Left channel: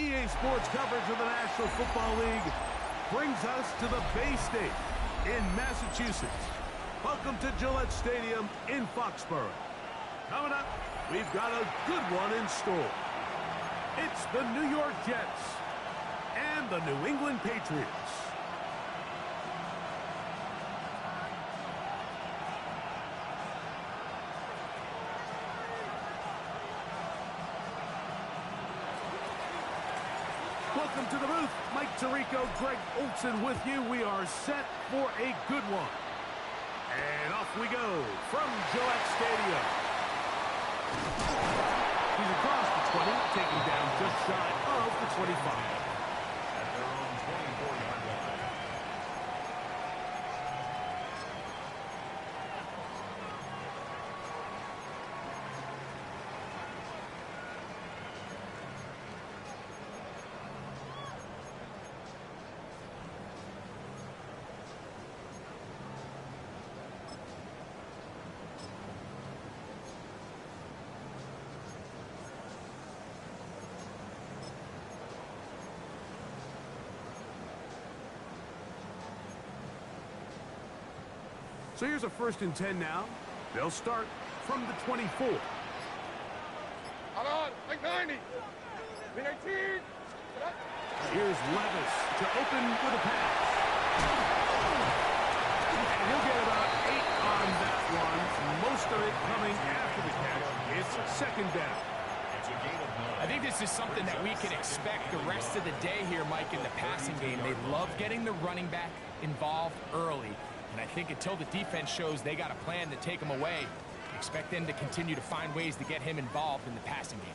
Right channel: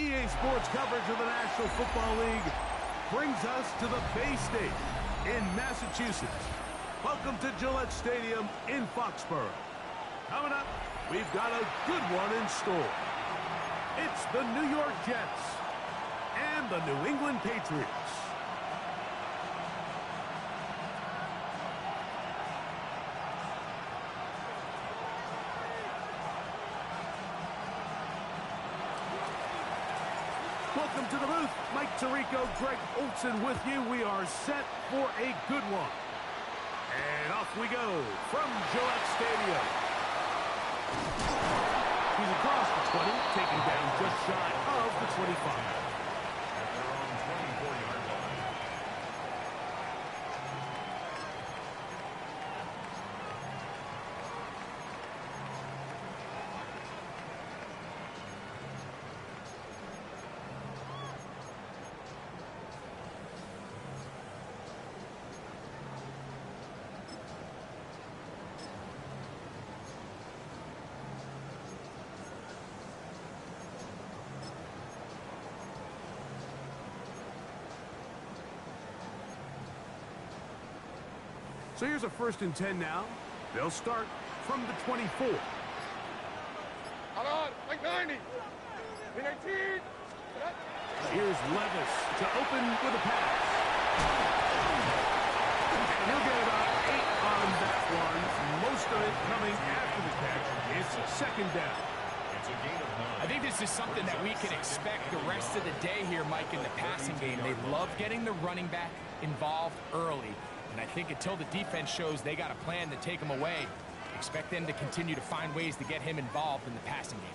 EA Sports coverage of the National Football League brings us to the Bay State in Massachusetts. Welcome to Gillette Stadium in Foxborough. Coming up, we've got a good one in store. It's the New York Jets and the New England Patriots. Welcome to the booth. Mike Tirico, Greg Olson with you. We are set for a good one. And off we go from Gillette Stadium. He's across the 20, taken down just shy of the 25. At their own 24-yard line. So here's a 1st and 10 now. They'll start from the 24. Hold on, like 90. 19. Here's Levis to open with a pass. And he'll get about 8 on that one. Most of it coming after the catch. It's 2nd down. It's a gain of 9. I think this is something that we can expect the rest of the day here, Mike, in the passing game. They love getting the running back involved early. And I think until the defense shows they got a plan to take him away, expect them to continue to find ways to get him involved in the passing game.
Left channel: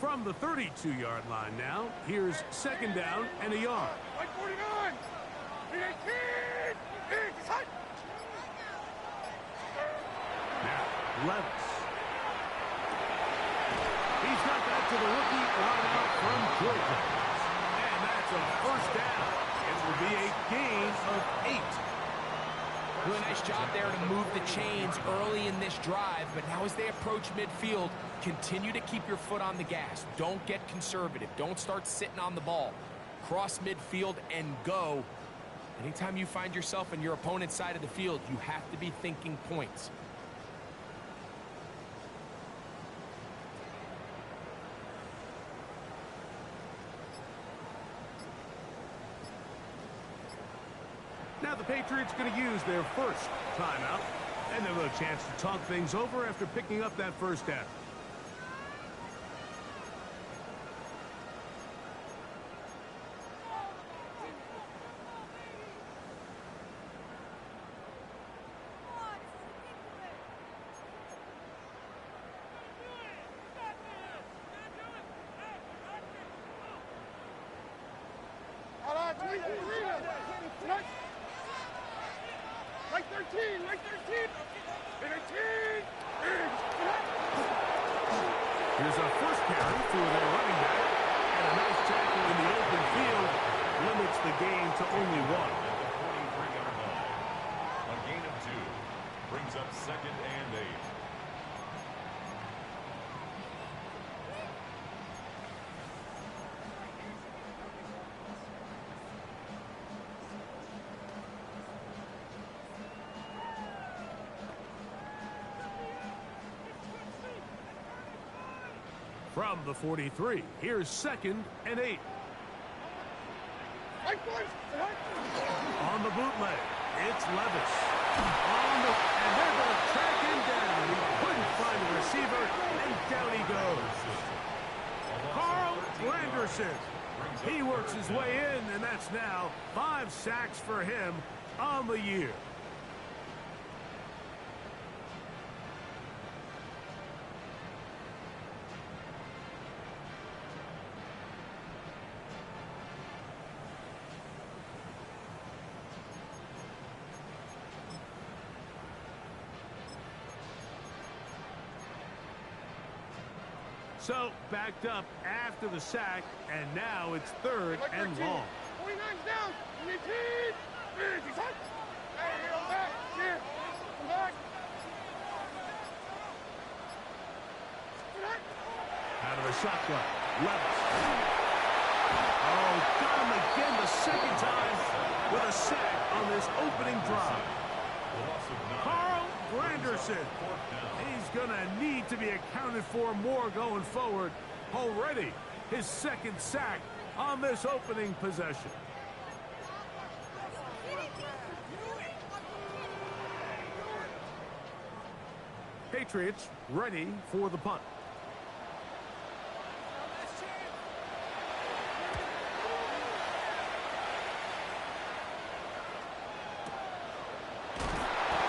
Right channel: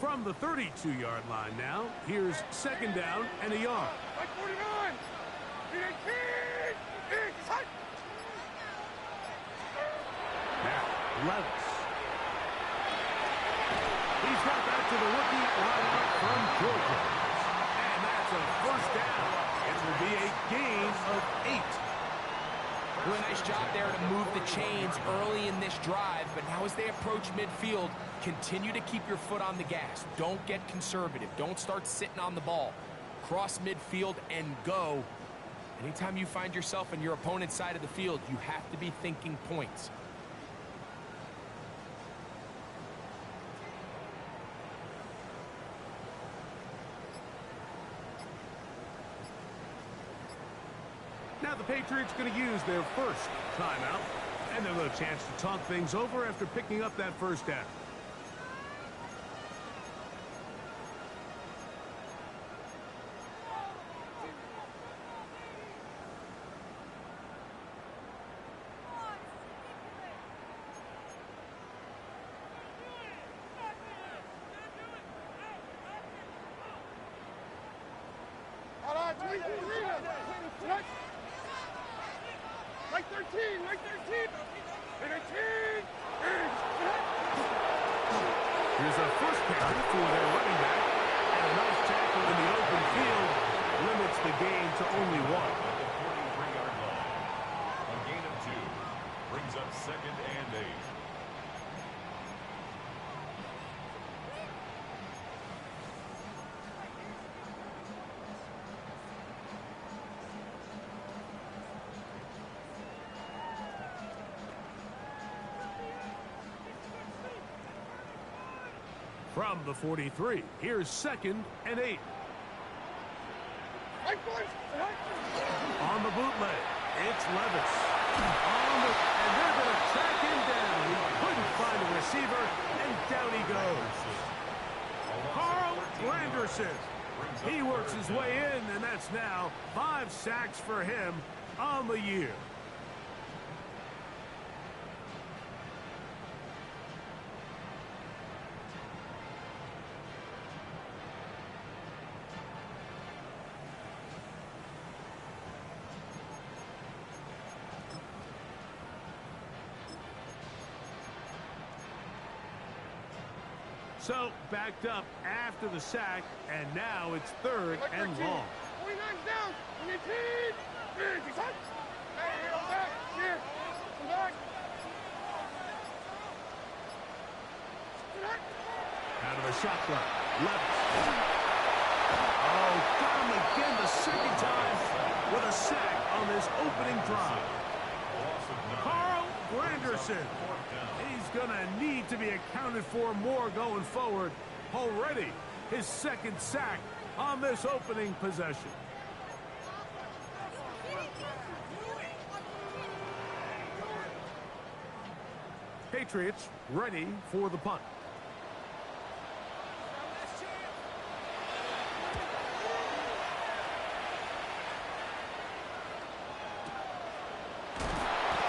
From the 32-yard line now, here's 2nd down and a yard. Like 49. 19. Now, Levis. He's got that to the rookie wideout from Georgia. And that's a 1st down. It will be a gain of 8. Doing a nice job there to move the chains early in this drive, but now as they approach midfield, continue to keep your foot on the gas. Don't get conservative. Don't start sitting on the ball. Cross midfield and go. Anytime you find yourself on your opponent's side of the field, you have to be thinking points. Now the Patriots going to use their 1st timeout, and they'll have a chance to talk things over after picking up that 1st down. Hold on, 23. Like 13, like 13. 19. Here's a 1st carry for their running back, and a nice tackle in the open field limits the gain to only 1. At the 43-yard line. A gain of 2. Brings up 2nd and 8. From the 43, here's 2nd and 8. On the bootleg, it's Levis. And they're going to track him down. He couldn't find a receiver, and down he goes. Carl Granderson. He works his way in, and that's now 5 sacks for him on the year. So, backed up after the sack, and now it's 3rd and long. 49's down. 19. Hey, go back. Here. Come back. Out of the shotgun. Levis. Oh, got him again the second time with a sack on this opening drive. Carl Granderson. He's going to need to be accounted for more going forward. Already his second sack on this opening possession. Patriots ready for the punt.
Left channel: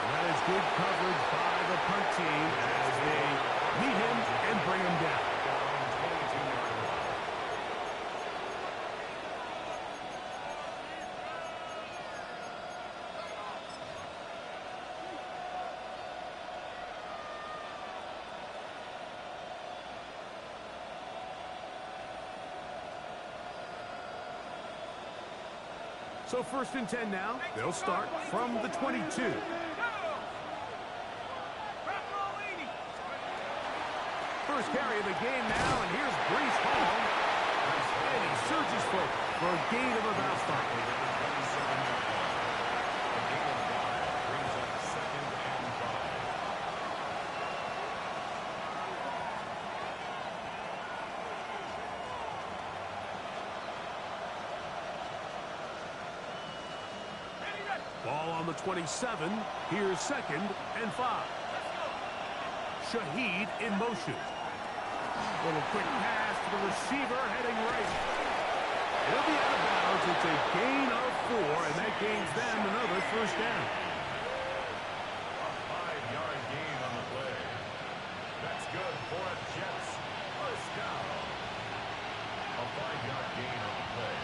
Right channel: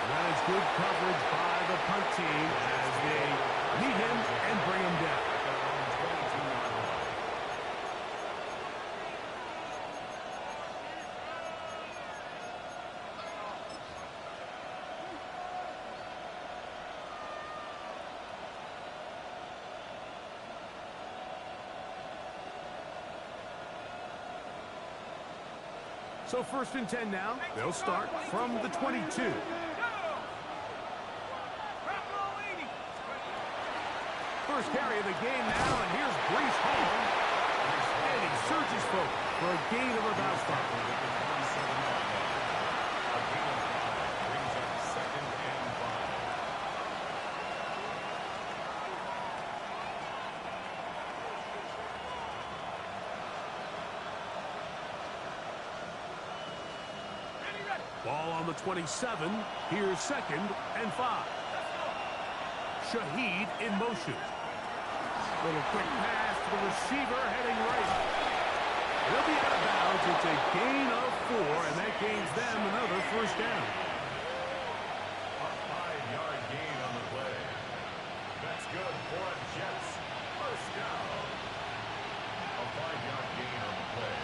That is good coverage by the punt team as they meet him and bring him down. So 1st and 10 now. They'll start from the 22. First carry of the game now, and here's Breece Hall. And he surges forward for a gain of about 5. A gain of 5 brings up 2nd and 5. Ball on the 27. Here's 2nd and 5. Shaheed in motion. Little quick pass to the receiver heading right. He'll be out of bounds. It's a gain of 4, and that gains them another 1st down. A 5-yard gain on the play. That's good for a Jets 1st down. A 5-yard gain on the play.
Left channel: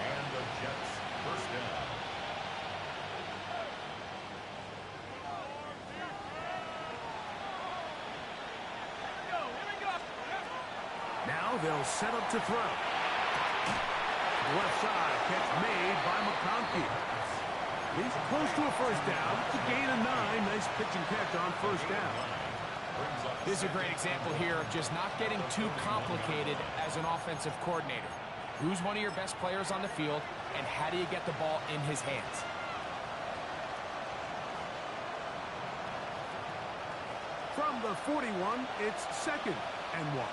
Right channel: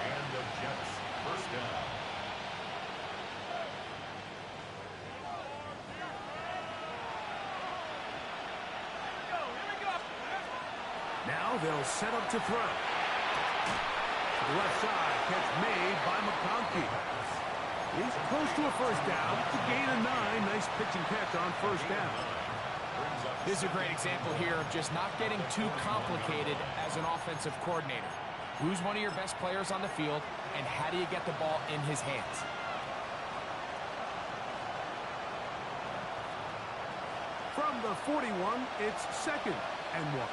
And the Jets 1st down. Now they'll set up to throw. To the left side, catch made by McConkey. He's close to a 1st down. It's a gain of 9. Nice pitch and catch on 1st down. This is a great example here of just not getting too complicated as an offensive coordinator. Who's one of your best players on the field, and how do you get the ball in his hands? From the 41, it's 2nd and 1.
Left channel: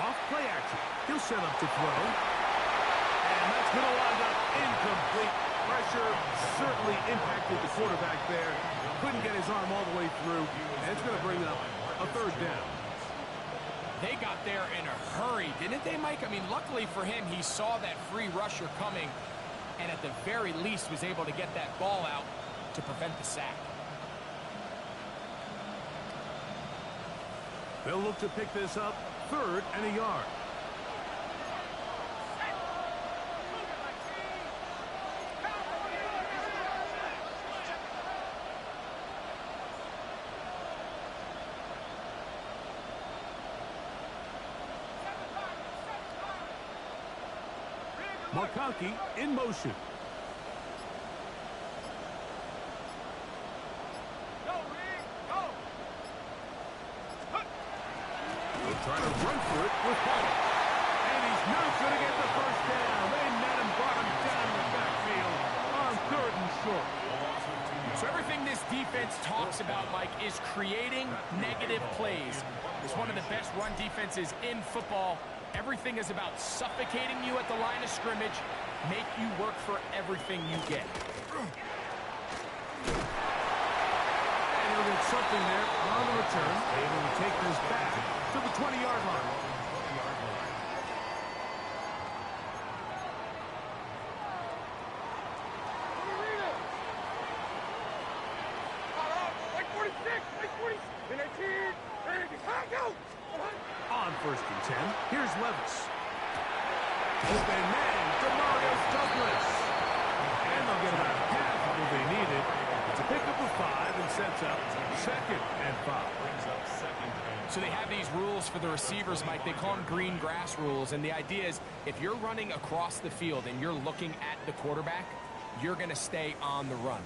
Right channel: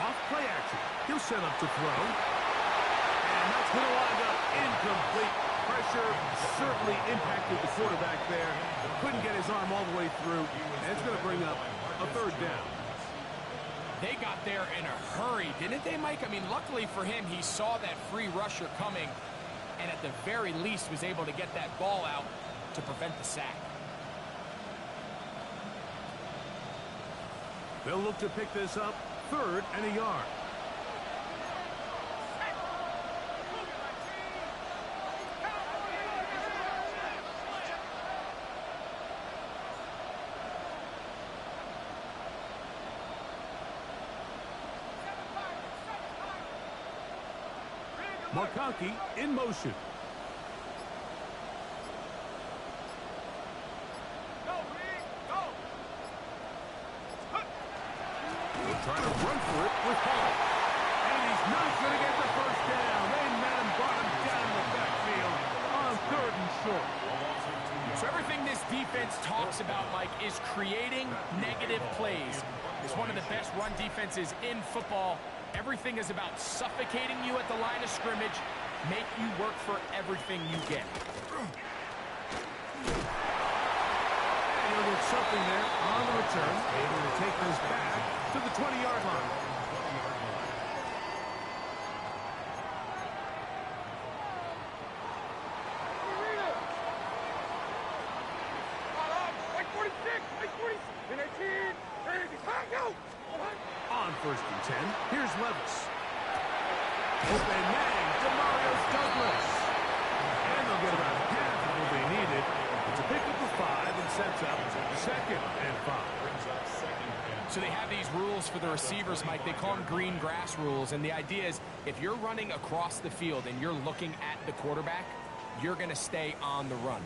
Off play action. He'll set up to throw. And that's going to wind up incomplete. Pressure certainly impacted the quarterback there. Couldn't get his arm all the way through. And it's going to bring up a 3rd down. They got there in a hurry, didn't they, Mike? I mean, luckily for him, he saw that free rusher coming and at the very least was able to get that ball out to prevent the sack. They'll look to pick this up 3rd and a yard. McConkey in motion. He'll try to run for it with Hall. And he's not going to get the 1st down. They met him, brought him down the backfield on 3rd and short. So everything this defense talks about, Mike, is creating negative plays. It's one of the best run defenses in football. Everything is about suffocating you at the line of scrimmage, make you work for everything you get. And he'll get something there on the return, able to take this back to the 20-yard line. Like 46, like 40, 19, On 1st and 10, here's Levis. Open man, Demario Douglas. And they'll get about half of what they needed It's a pickup of 5 and sets up 2nd and 5. So they have these rules for the receivers, Mike. They call them green grass rules. And the idea is if you're running across the field and you're looking at the quarterback, you're going to stay on the run.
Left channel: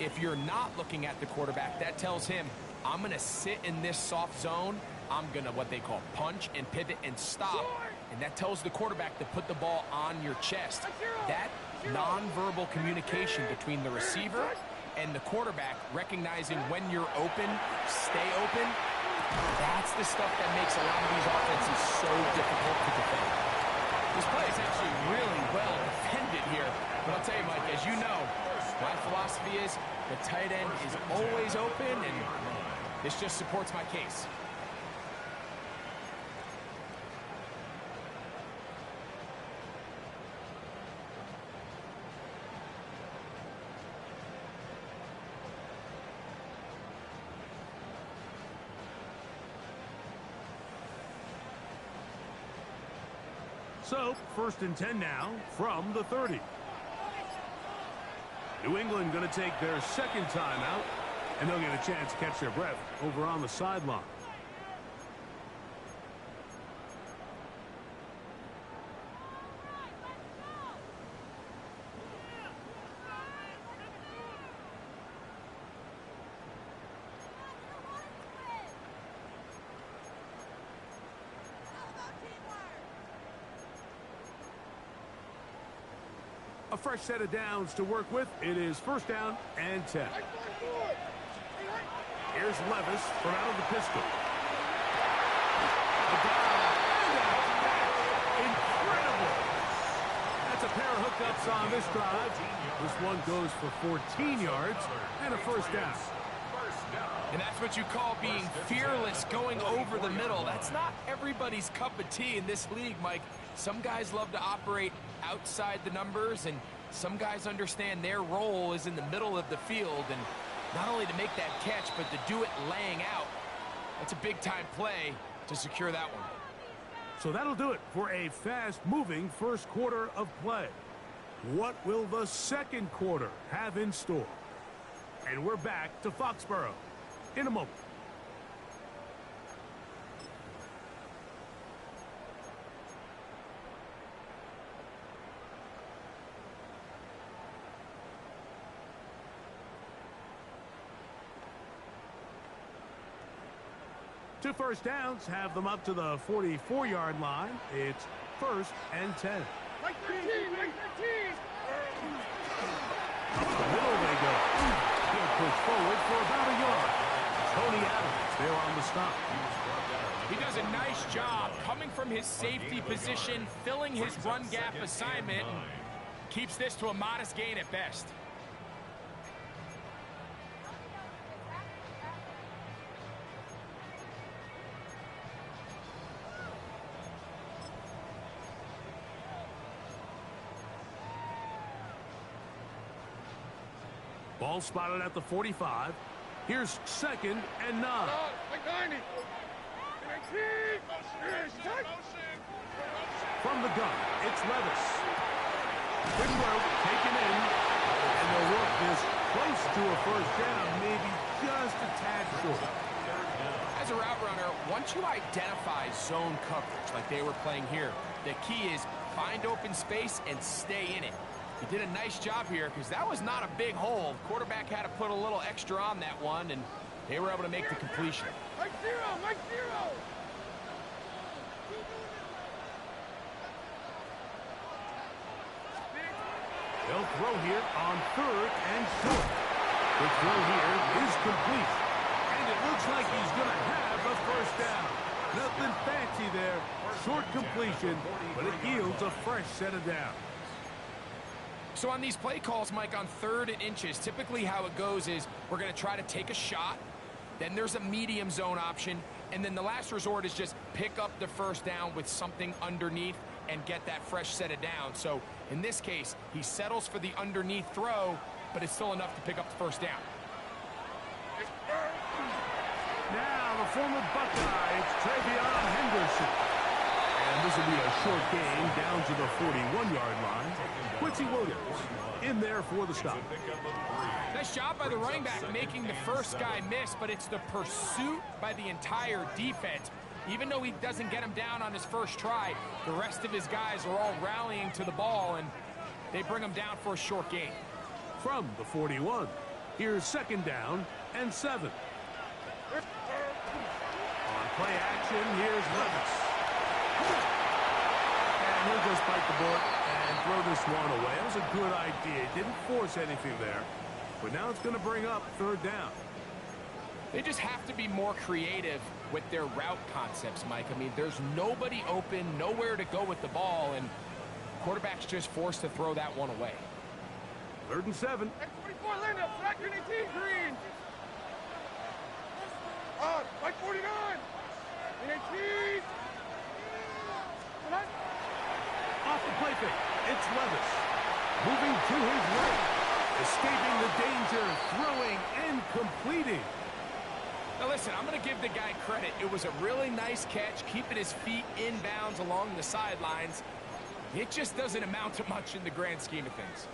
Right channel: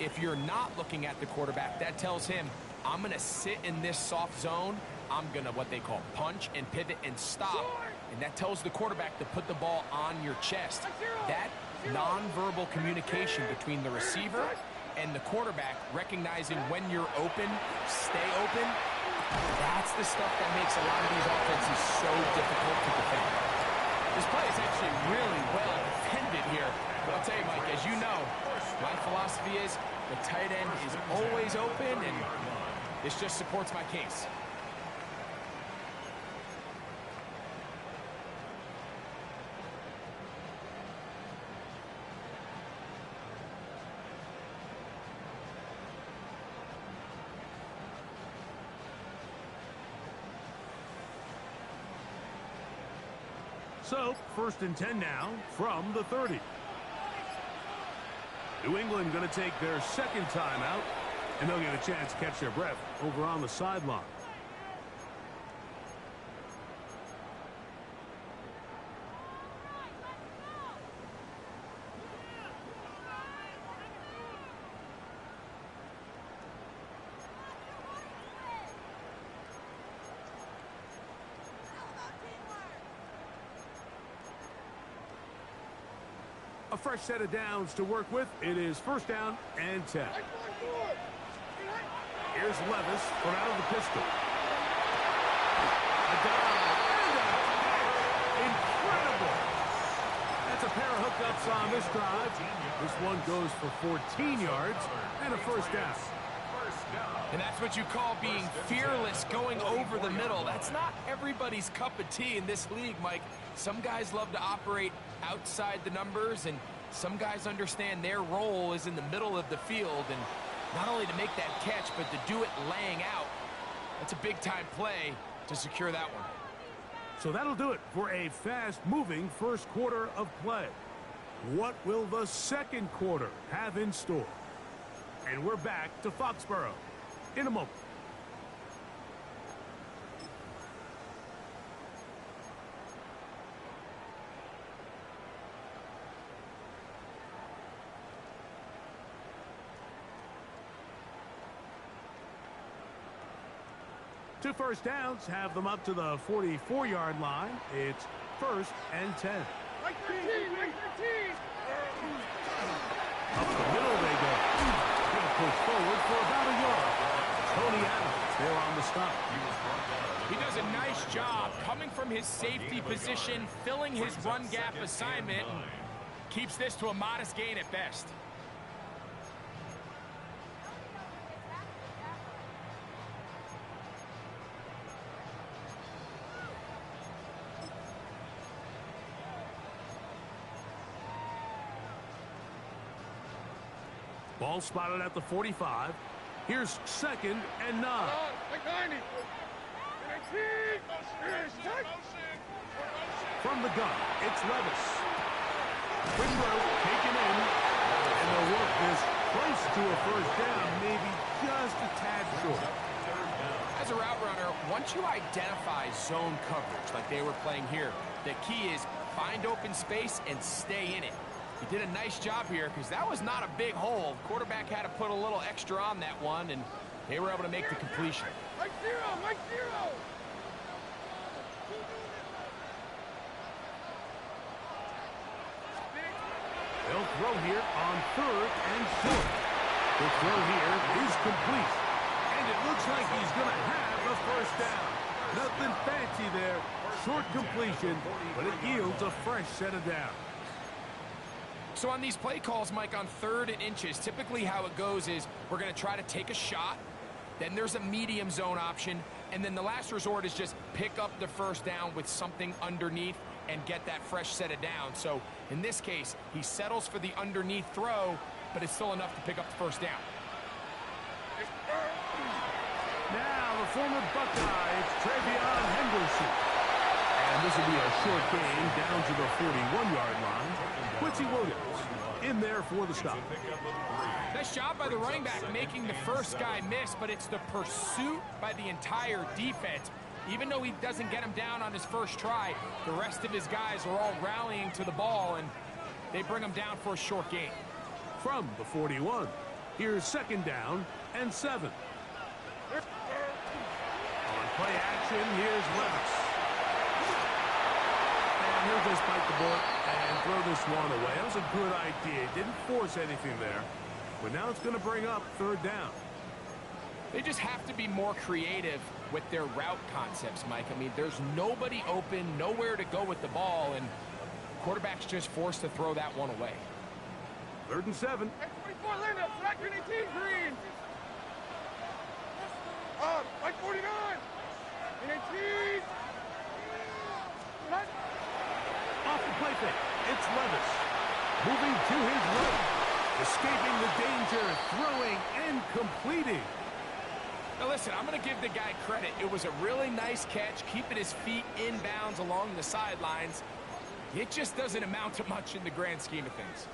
If you're not looking at the quarterback, that tells him, I'm going to sit in this soft zone. I'm going to what they call punch and pivot and stop. And that tells the quarterback to put the ball on your chest. That nonverbal communication between the receiver and the quarterback, recognizing when you're open, stay open, that's the stuff that makes a lot of these offenses so difficult to defend. This play is actually really well defended here. But I'll tell you, Mike, as you know, my philosophy is the tight end is always open, and this just supports my case. So, 1st and 10 now from the 30. New England going to take their 2nd timeout, and they'll get a chance to catch their breath over on the sideline. A fresh set of downs to work with. It is 1st down and 10. Here's Levis from out of the pistol. A dive and a catch. Incredible. That's a pair of hookups on this drive. This one goes for 14 yards and a 1st down. And that's what you call being fearless, going over the middle. That's not everybody's cup of tea in this league, Mike. Some guys love to operate outside the numbers, and some guys understand their role is in the middle of the field, and not only to make that catch, but to do it laying out. That's a big-time play to secure that one. So that'll do it for a fast-moving 1st quarter of play. What will the 2nd quarter have in store? And we're back to Foxborough in a moment. Two 1st downs have them up to the 44-yard line. It's 1st and 10. Right 13, right 13. Up the middle they go. He'll push forward for about a yard. Tony Adams there on the stop. He does a nice job coming from his safety position, filling his run gap assignment, and keeps this to a modest gain at best. Ball spotted at the 45. Here's 2nd and 9. Like 90. 19. From the gun, it's Levis. Quick throw taken in, and they'll work this close to a 1st down, maybe just a tad short. As a route runner, once you identify zone coverage like they were playing here, the key is find open space and stay in it. He did a nice job here because that was not a big hole. Quarterback had to put a little extra on that one, and they were able to make the completion. Mike 0, Mike 0. They'll throw here on 3rd and short. The throw here is complete. And it looks like he's going to have a 1st down. Nothing fancy there. Short completion, but it yields a fresh set of downs. So on these play calls, Mike, on 3rd and inches, typically how it goes is we're going to try to take a shot. Then there's a medium zone option. And then the last resort is just pick up the 1st down with something underneath and get that fresh set of downs. So in this case, he settles for the underneath throw, but it's still enough to pick up the 1st down. Now the former Buckeye, it's Travion Henderson. And And this will be a short gain down to the 41-yard line. Quincy Williams in there for the stop. Nice job by the running back making the first guy miss, but it's the pursuit by the entire defense. Even though he doesn't get him down on his first try, the rest of his guys are all rallying to the ball, and they bring him down for a short gain. From the 41, here's 2nd down and 7. On play action, here's Levis. And he'll just bite the bullet and throw this one away. That was a good idea. Didn't force anything there. But now it's going to bring up 3rd down. They just have to be more creative with their route concepts, Mike. I mean, there's nobody open, nowhere to go with the ball, and quarterback's just forced to throw that one away. 3rd and 7. X24 Linda, flag 18 green. Flag 49. 18. Off the play fake, it's Levis. Moving to his right. Escaping the danger, throwing and completing. Now listen, I'm going to give the guy credit. It was a really nice catch, keeping his feet inbounds along the sidelines. It just doesn't amount to much in the grand scheme of things.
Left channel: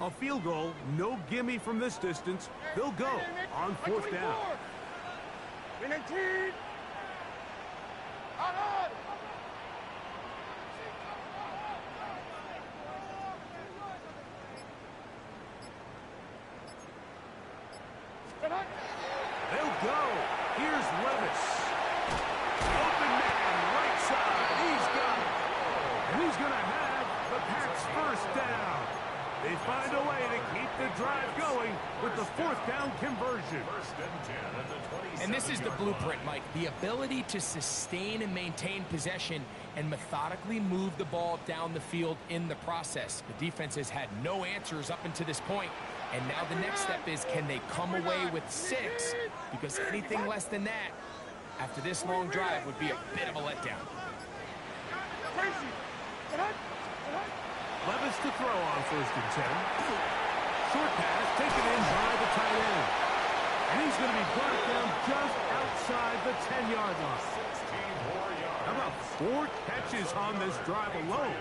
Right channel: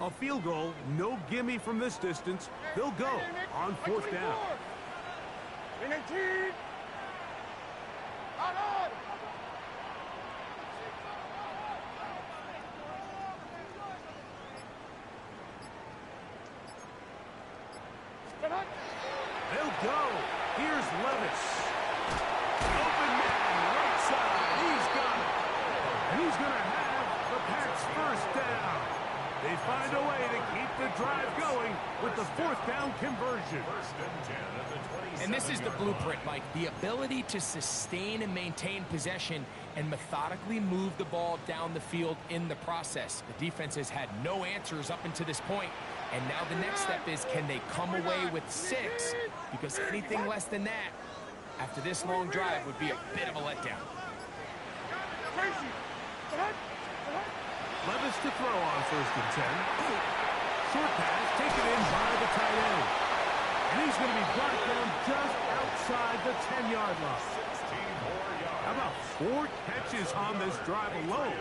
A field goal, no gimme from this distance. They'll go on 4th down. 18. On. They'll go. Here's Levis. Open man, right side. He's got it. And he's going to have the Pats' 1st down. They find a way to keep the drive going with the 4th down conversion. 1st and 10 at the 27-yard line. And this is the blueprint, Mike. The ability to sustain and maintain possession and methodically move the ball down the field in the process. The defense has had no answers up until this point. And now the next step is, can they come away with 6? Because anything less than that, after this long drive, would be a bit of a letdown. Levis to throw on 1st and 10. Short pass taken in by the tight end. And he's going to be brought down just outside the 10-yard line. 16 more yards. How about 4 catches on this drive alone?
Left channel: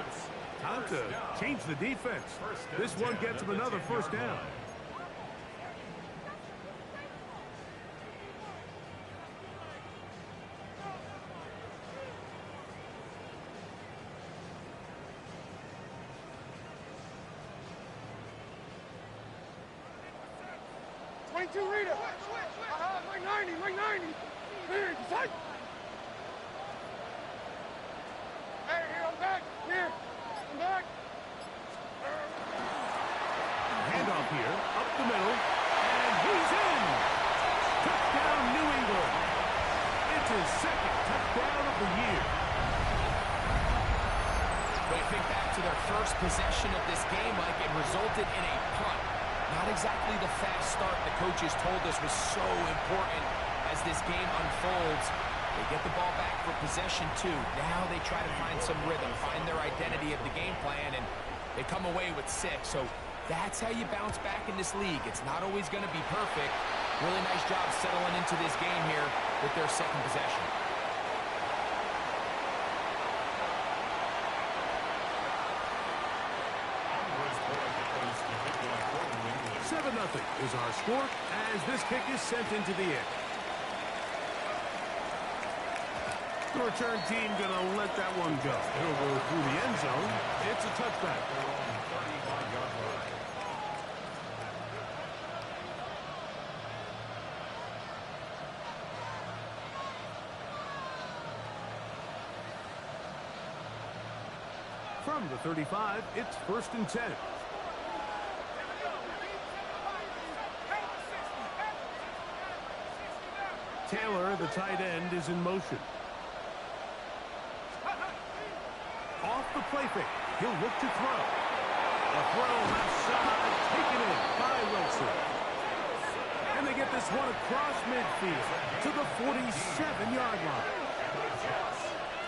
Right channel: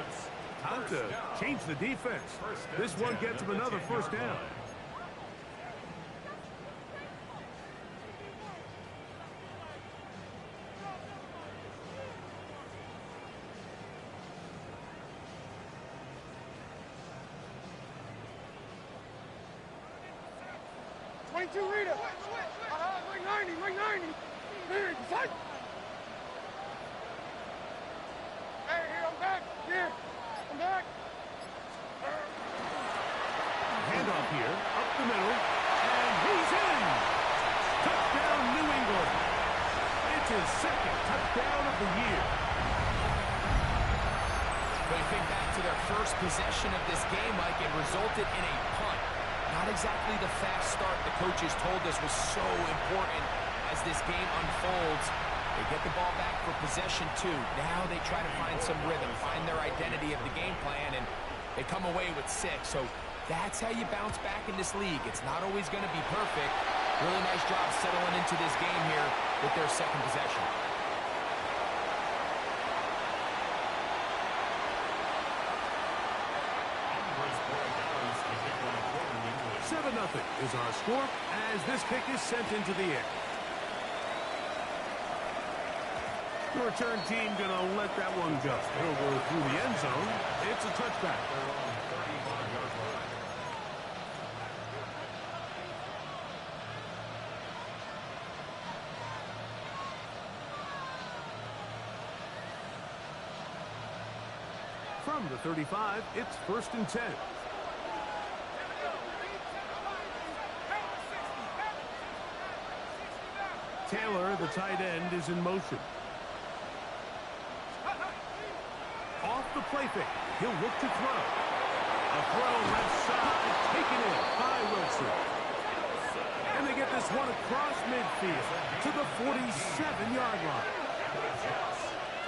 Time to change the defense. This one gets him another 1st down. Rita. Like 90, like 90. Here, son. Hey, here, I'm back. Here, I'm back. Handoff here, up the middle, and he's in. Touchdown, New England. It's his 2nd touchdown of the year. But you think back to their first possession of this game, Mike, it resulted in a punt. Not exactly the fast start the coaches told us was so important as this game unfolds. They get the ball back for possession 2. Now they try to find some rhythm, find their identity of the game plan, and they come away with 6. So that's how you bounce back in this league. It's not always going to be perfect. Really nice job settling into this game here with their 2nd possession. 7-0 is our score as this kick is sent into the air. The return team gonna let that one go. It'll go through the end zone. It's a touchback. Their own 35-yard line. From the 35, it's 1st and 10. Taylor, the tight end, is in motion. Off the play fake. He'll look to throw. A throw left side, taken in by Wilson. And they get this one across midfield to the 47-yard line.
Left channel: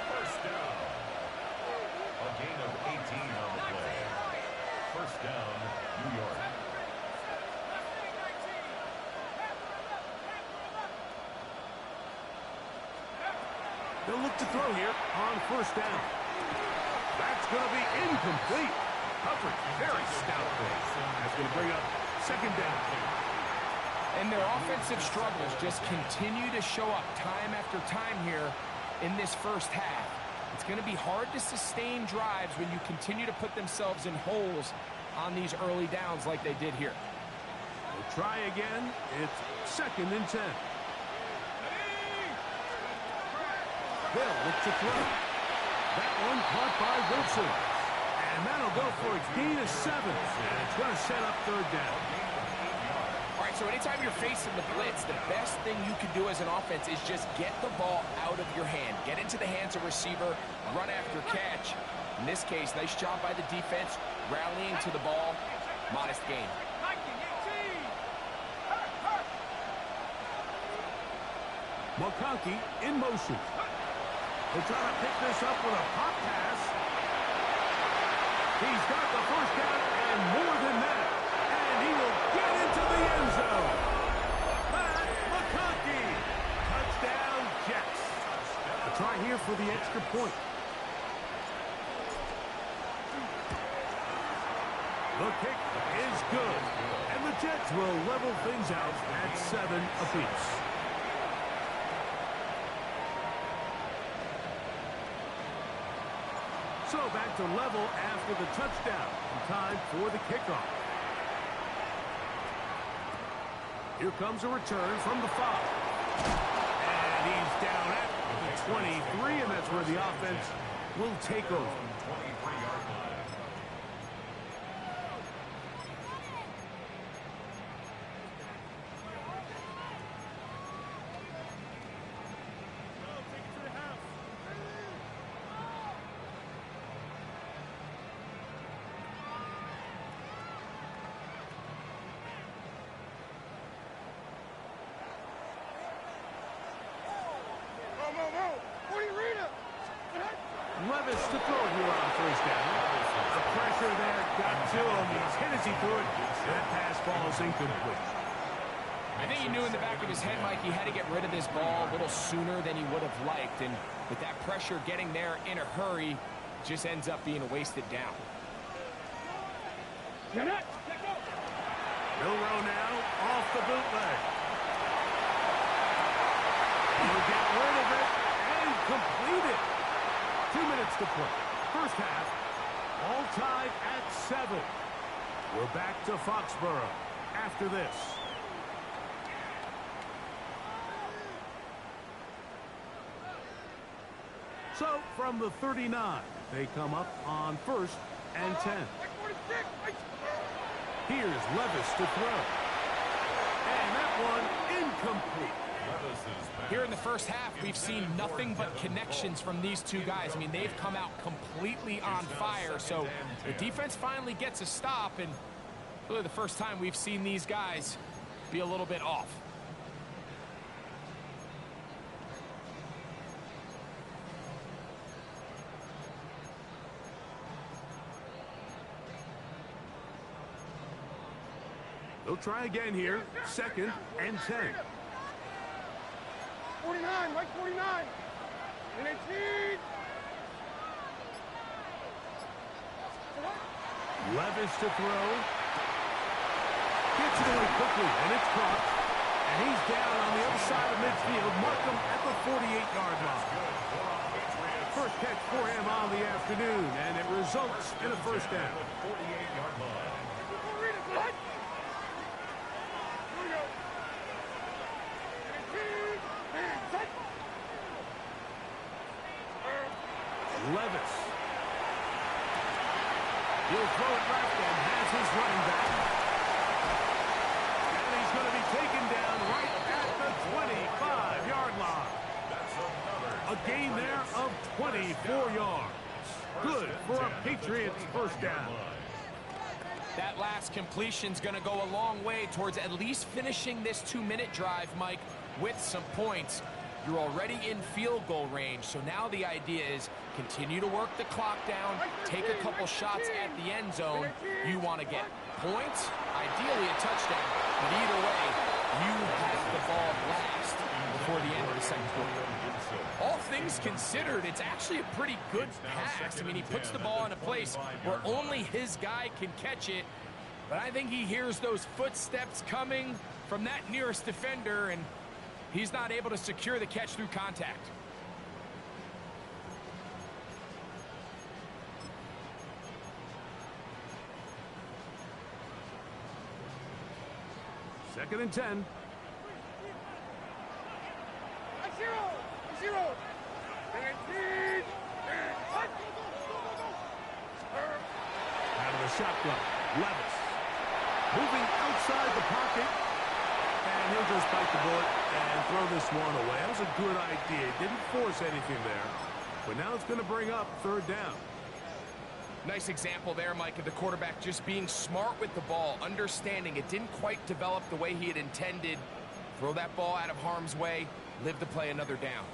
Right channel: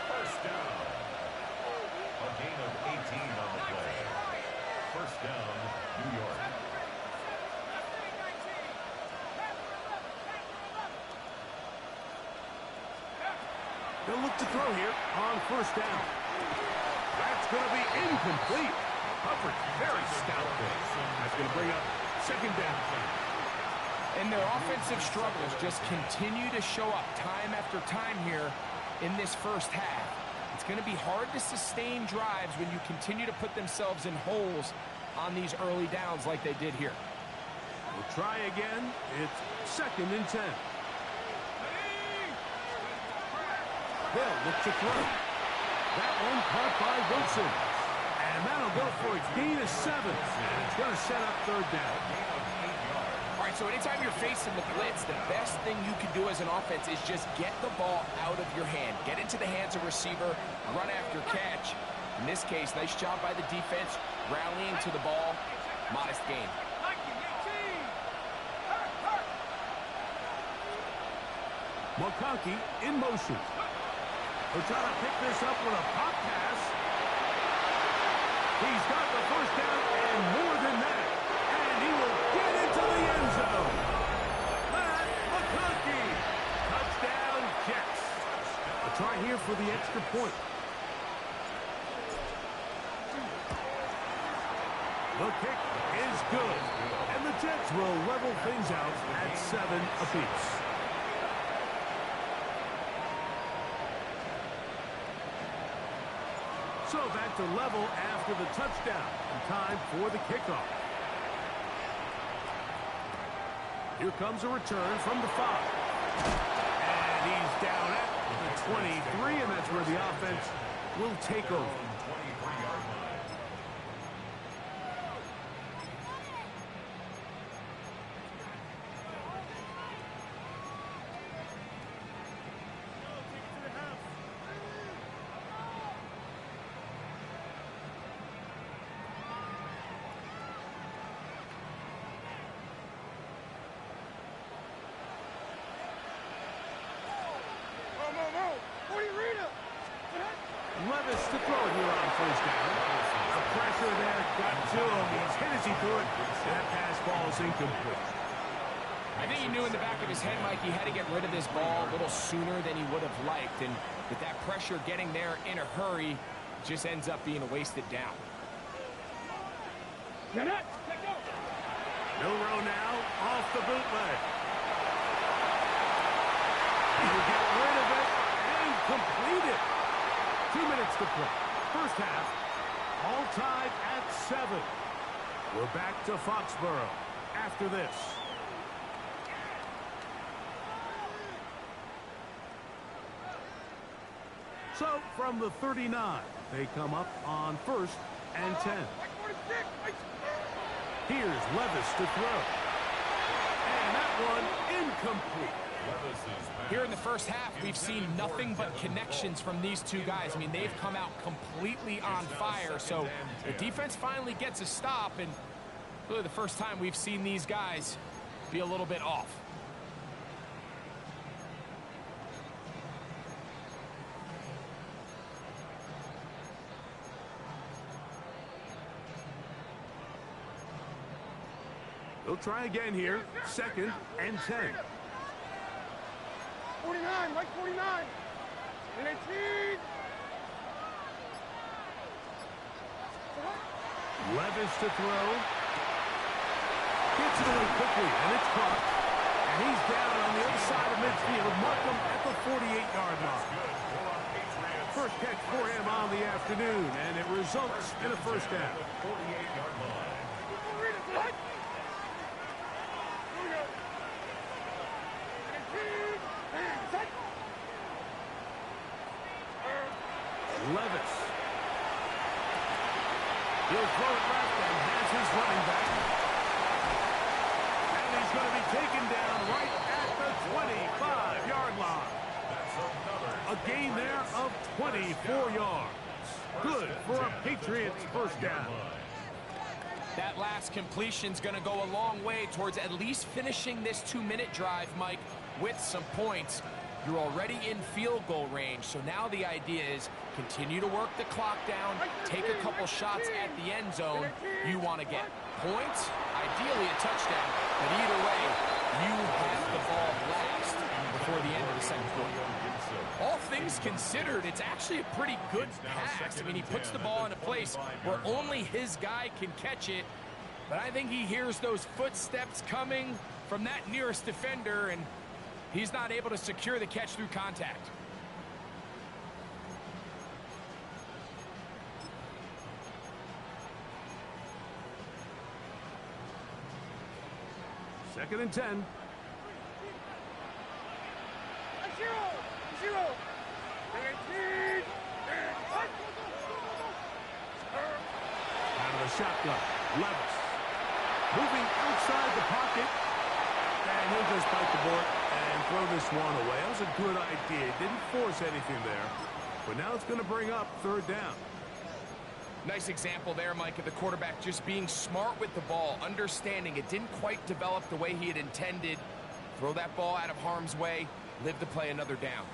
First down. A gain of 18 on the play. First down, New York. They'll look to throw here on first down. That's going to be incomplete. Coverage very stout there. That's going to bring up second down. And their offensive struggles just continue to show up time after time here in this first half. It's going to be hard to sustain drives when you continue to put themselves in holes on these early downs like they did here. We'll try again. It's second and 10. They'll look to throw. That one caught by Wilson. And that'll go for a gain of 7. And it's going to set up third down. All right, so anytime you're facing the blitz, the best thing you can do as an offense is just get the ball out of your hand. Get into the hands of receiver, run after catch. In this case, nice job by the defense, rallying to the ball. Modest gain. McConkey in motion. They're trying to pick this up with a pop pass. He's got the first down and more than that. And he will get into the end zone. Matt McConkey. Touchdown, Jets. A try here for the extra point. The kick is good. And the Jets will level things out at 7 apiece. So back to level after the touchdown. And time for the kickoff. Here comes a return from the 5. And he's down at the 23, and that's where the offense will take over. 23-yard line. Levis to throw it here on first down. The pressure there got to him. He's hit as he threw it. And that pass ball is incomplete. I think he knew in the back of his head, Mike, he had to get rid of this ball a little sooner than he would have liked. And with that pressure getting there in a hurry, it just ends up being a wasted down. Milrow now off the bootleg. He'll get rid of it and complete it. 2 minutes to play. First half, all tied at 7. We're back to Foxborough after this. So, from the 39, they come up on first and 10. Here's Levis to throw. And that one incomplete. Here in the first half, we've seen nothing but connections from these two guys. I mean, they've come out completely on fire. So the defense finally gets a stop, and really the first time we've seen these guys be a little bit off. They'll try again here. Second and 10. 49, Mike 49. And 18. Levis to throw. Gets it away quickly, and it's caught. And he's down on the other side of midfield. Markham at the 48-yard line. First catch for him on the afternoon, and it results in a first down. 48-yard line. Levis. He'll throw it left and has his running back. And he's going to be taken down right at the 25-yard line. A gain there of 24 yards. Good for a Patriots first down. That last completion's going to go a long way towards at least finishing this 2-minute drive, Mike, with some points. You're already in field goal range, so now the idea is continue to work the clock down, take a couple shots at the end zone. You want to get points, ideally a touchdown, but either way, you have the ball last before the end of the second quarter. All things considered, it's actually a pretty good pass. I mean, he puts the ball in a place where only his guy can catch it, but I think he hears those footsteps coming from that nearest defender, and he's not able to secure the catch through contact. Second and 10. Zero. Out of the shotgun, Levis. Moving outside the pocket. And he'll just bite the bullet and throw this one away. That was a good idea. Didn't force anything there. But now it's going to bring up third down. Nice example there, Mike, of the quarterback just being smart with the ball, understanding it didn't quite develop the way he had intended. Throw that ball out of harm's way, live to play another down.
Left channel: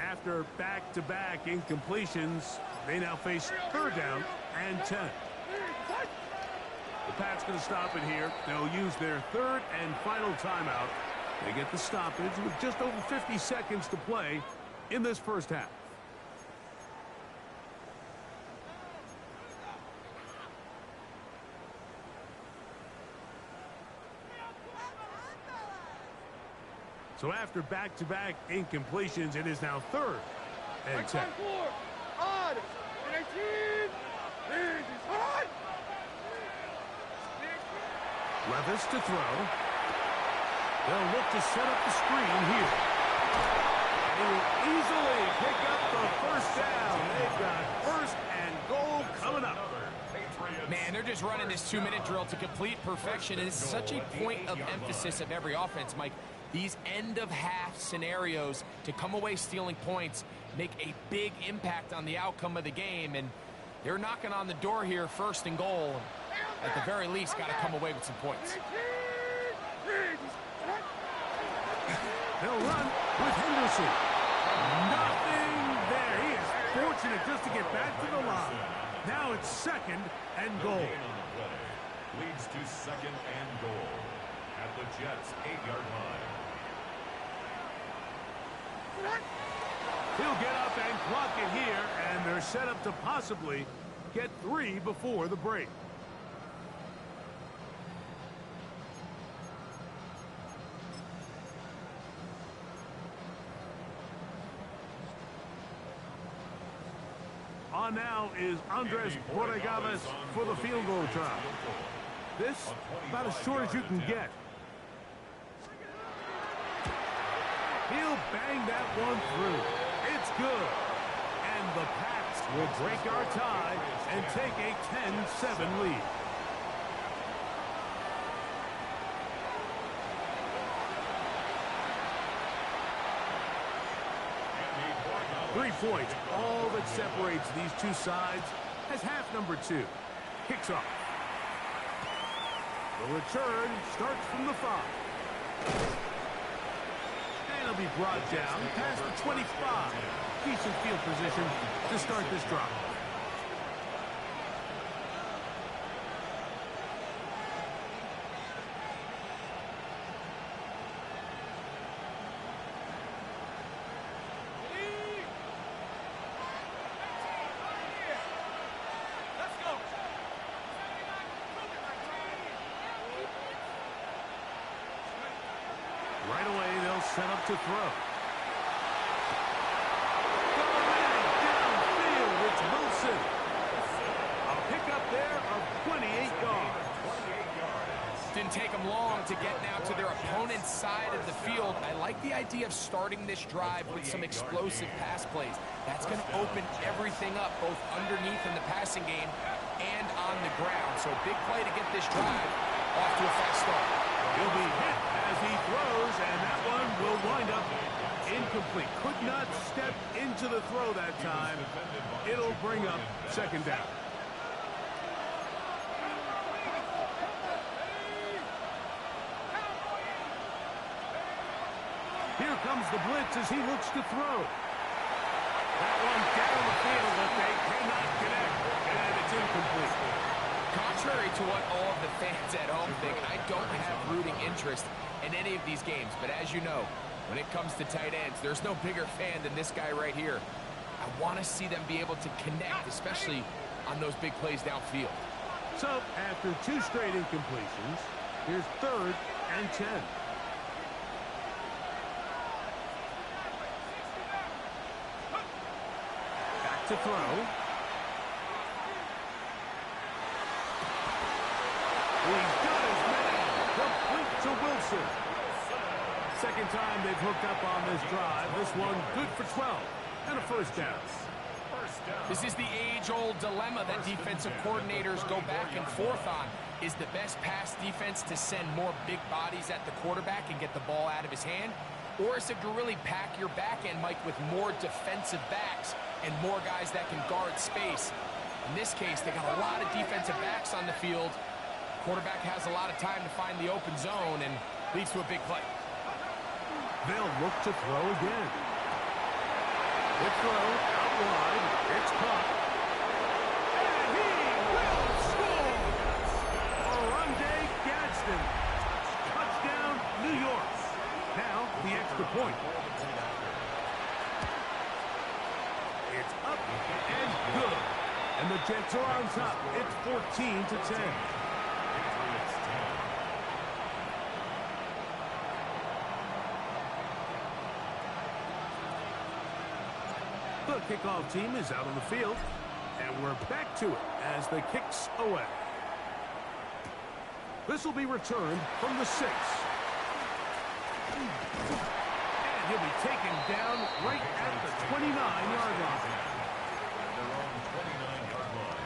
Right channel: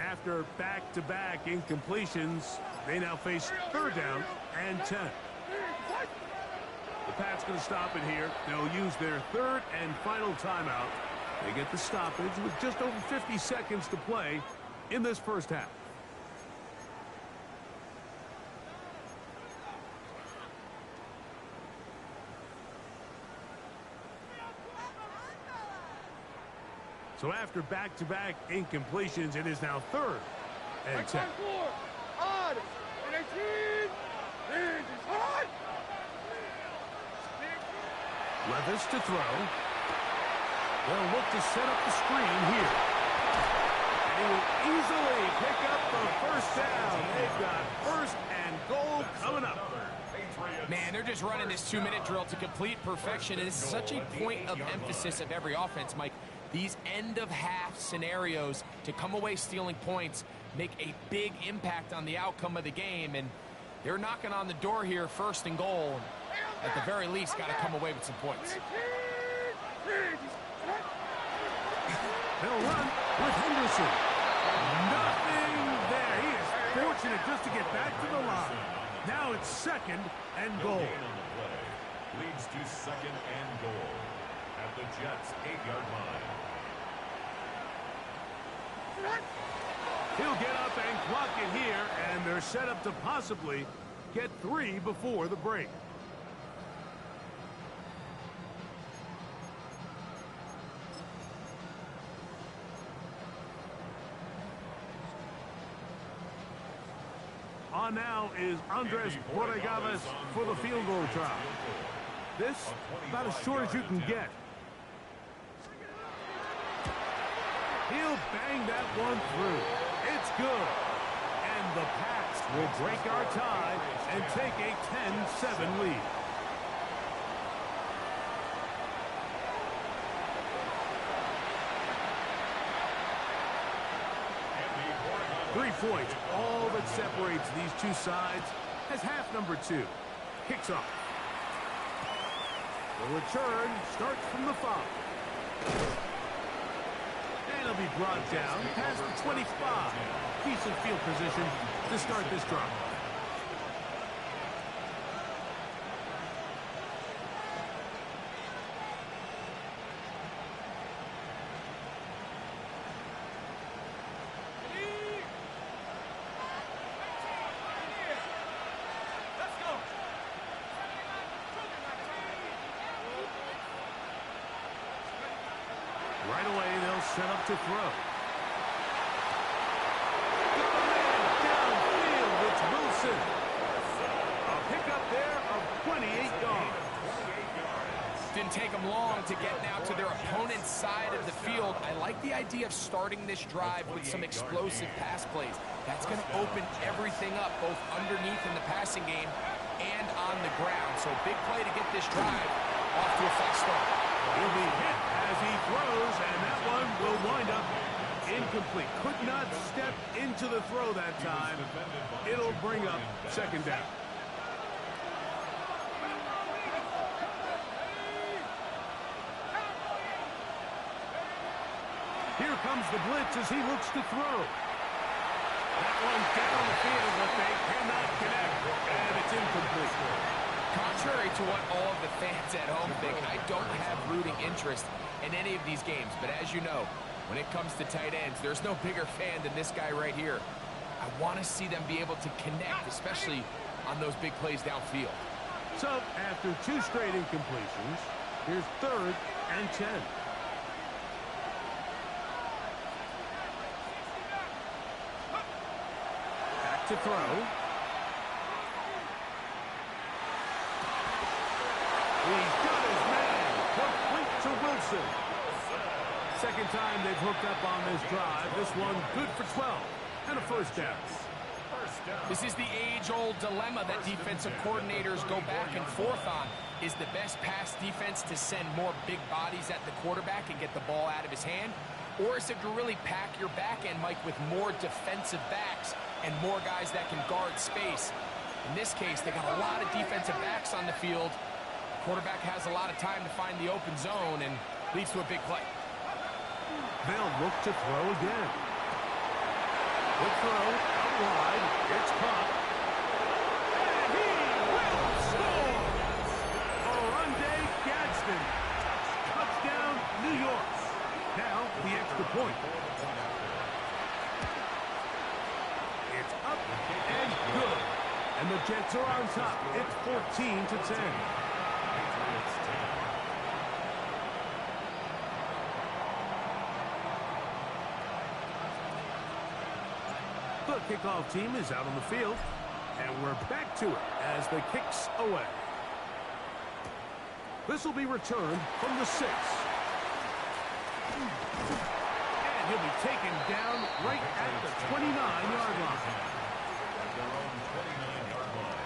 After back-to-back incompletions, they now face third down and 10. The Pats going to stop it here. They'll use their third and final timeout. They get the stoppage with just over 50 seconds to play in this first half. So after back-to-back incompletions, it is now third and 10. Levis to throw. They'll look to set up the screen here. And he will easily pick up the first down. They've got first and goal coming up. Man, they're just running this 2-minute drill to complete perfection. And it's such a point of emphasis of every offense, Mike. These end-of-half scenarios to come away stealing points make a big impact on the outcome of the game. And they're knocking on the door here, first and goal. At the very least, got to come away with some points. They'll run with Henderson. Nothing there. He is fortunate just to get back to the line. Now it's second and goal. Leads to second and goal at the Jets' 8-yard line. He'll get up and clock it here, and they're set up to possibly get 3 before the break. On now is Andres Borregales for the field goal try. This about as short as you can get. He'll bang that one through. It's good. And the Pats will break our tie and take a 10-7 lead. Three points, all that separates these two sides as half number 2 kicks off. The return starts from the 5. And it'll be brought down past the 25. Decent field position to start this drive. Right away, they'll set up to throw. Got a man downfield. It's Wilson. A pickup there of 28 yards. Didn't take them long to get now to their opponent's side of the field. I like the idea of starting this drive with some explosive pass plays. That's going to open everything up, both underneath in the passing game and on the ground. So big play to get this drive off to a fast start. He'll be hit as he throws, and that one will wind up incomplete. Could not step into the throw that time. It'll bring up second down. Here comes the blitz as he looks to throw. That one down the field, but they cannot connect, and it's incomplete. Contrary to what all of the fans at home think, I don't have rooting interest in any of these games. But as you know, when it comes to tight ends, there's no bigger fan than this guy right here. I want to see them be able to connect, especially on those big plays downfield. So, after 2 straight incompletions, here's 3rd and 10. Back to throw. He's got his man. Complete to Wilson. Second time they've hooked up on this drive. This one good for 12 and a first down. This is the age-old dilemma that defensive coordinators go back and forth on. Is the best pass defense to send more big bodies at the quarterback and get the ball out of his hand? Or is it to really pack your back end, Mike, with more defensive backs and more guys that can guard space? In this case, they got a lot of defensive backs on the field. Quarterback has a lot of time to find the open zone and leads to a big play. They'll look to throw again. Quick throw, out wide. It's caught. And he will score! Oronde Gadsden. Touchdown, New York. Now, the extra point. It's up and good. And the Jets are on top. It's 14-10. Patriots 10. The kickoff team is out on the field, and we're back to it as the kick's away. This will be returned from the 6. And he'll be taken down right at the 29-yard line. At their own 29-yard line.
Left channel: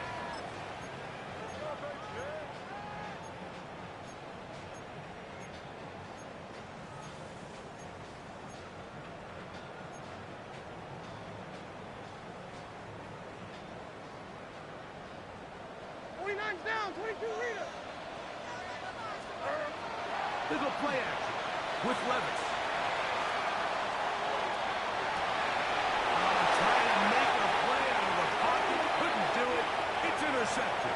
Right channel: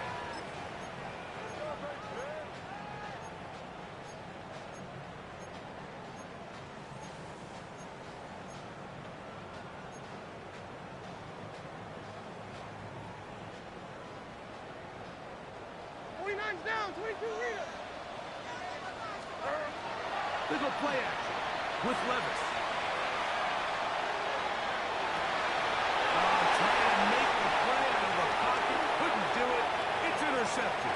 Down, 22 Rita. They go play action with Levis. Trying to make a play out of the pocket. Couldn't do it. It's intercepted.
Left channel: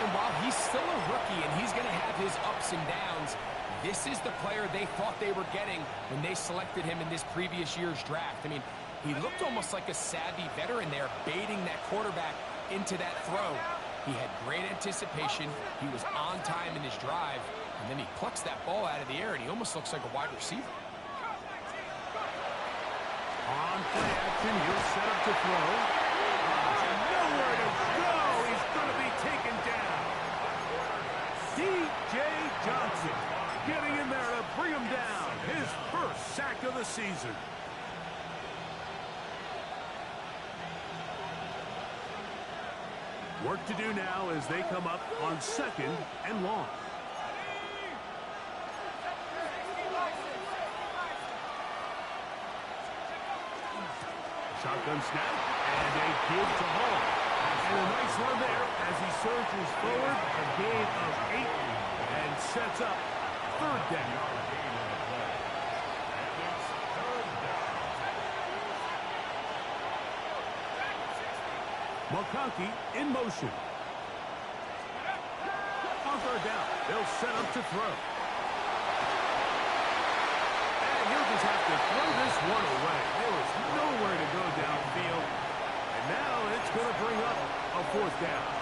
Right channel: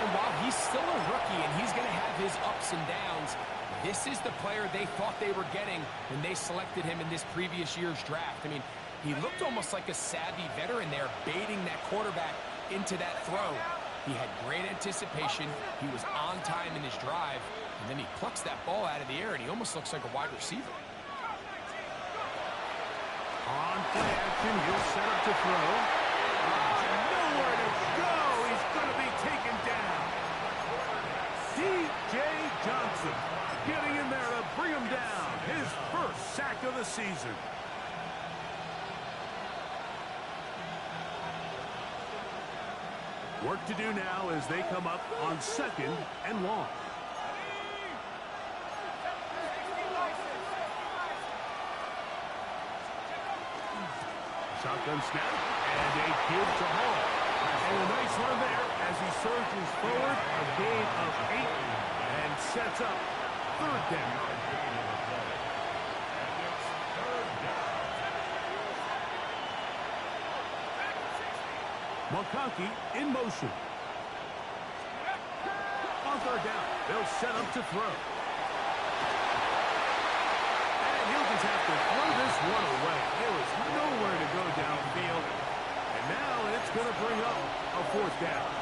And while he's still a rookie and he's going to have his ups and downs, this is the player they thought they were getting when they selected him in this previous year's draft. I mean, he looked almost like a savvy veteran there, baiting that quarterback into that throw. He had great anticipation. He was on time in his drive. And then he plucks that ball out of the air, and he almost looks like a wide receiver. On play action, he'll set up to throw. Nowhere to go. He's going to be taken down. D.J. Johnson getting in there to bring him down. His first sack of the season. Work to do now as they come up on 2nd and long. Shotgun snap and a give to Hall. And a nice run there as he surges forward. A gain of 8 and sets up 3rd down. And it's 3rd down. McConkey in motion. On 3rd down, they'll set up to throw. And he'll just have to throw this one away. There was nowhere to go downfield. And now it's going to bring up a 4th down.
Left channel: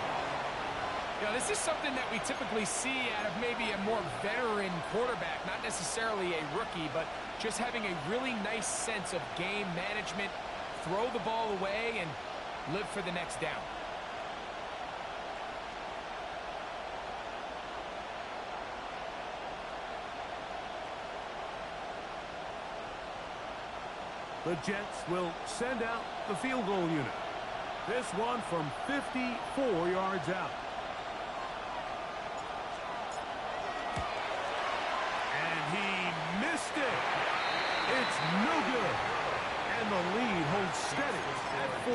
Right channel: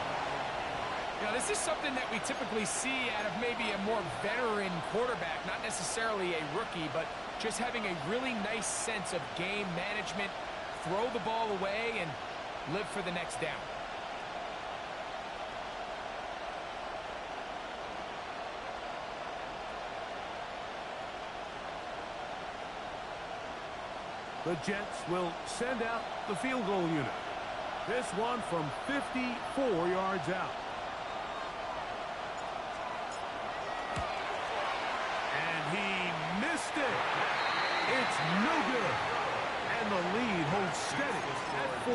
You know, this is something that we typically see out of maybe a more veteran quarterback, not necessarily a rookie, but just having a really nice sense of game management, throw the ball away, and live for the next down. The Jets will send out the field goal unit. This one from 54 yards out. missed it. It's no good. And the lead holds steady at 4.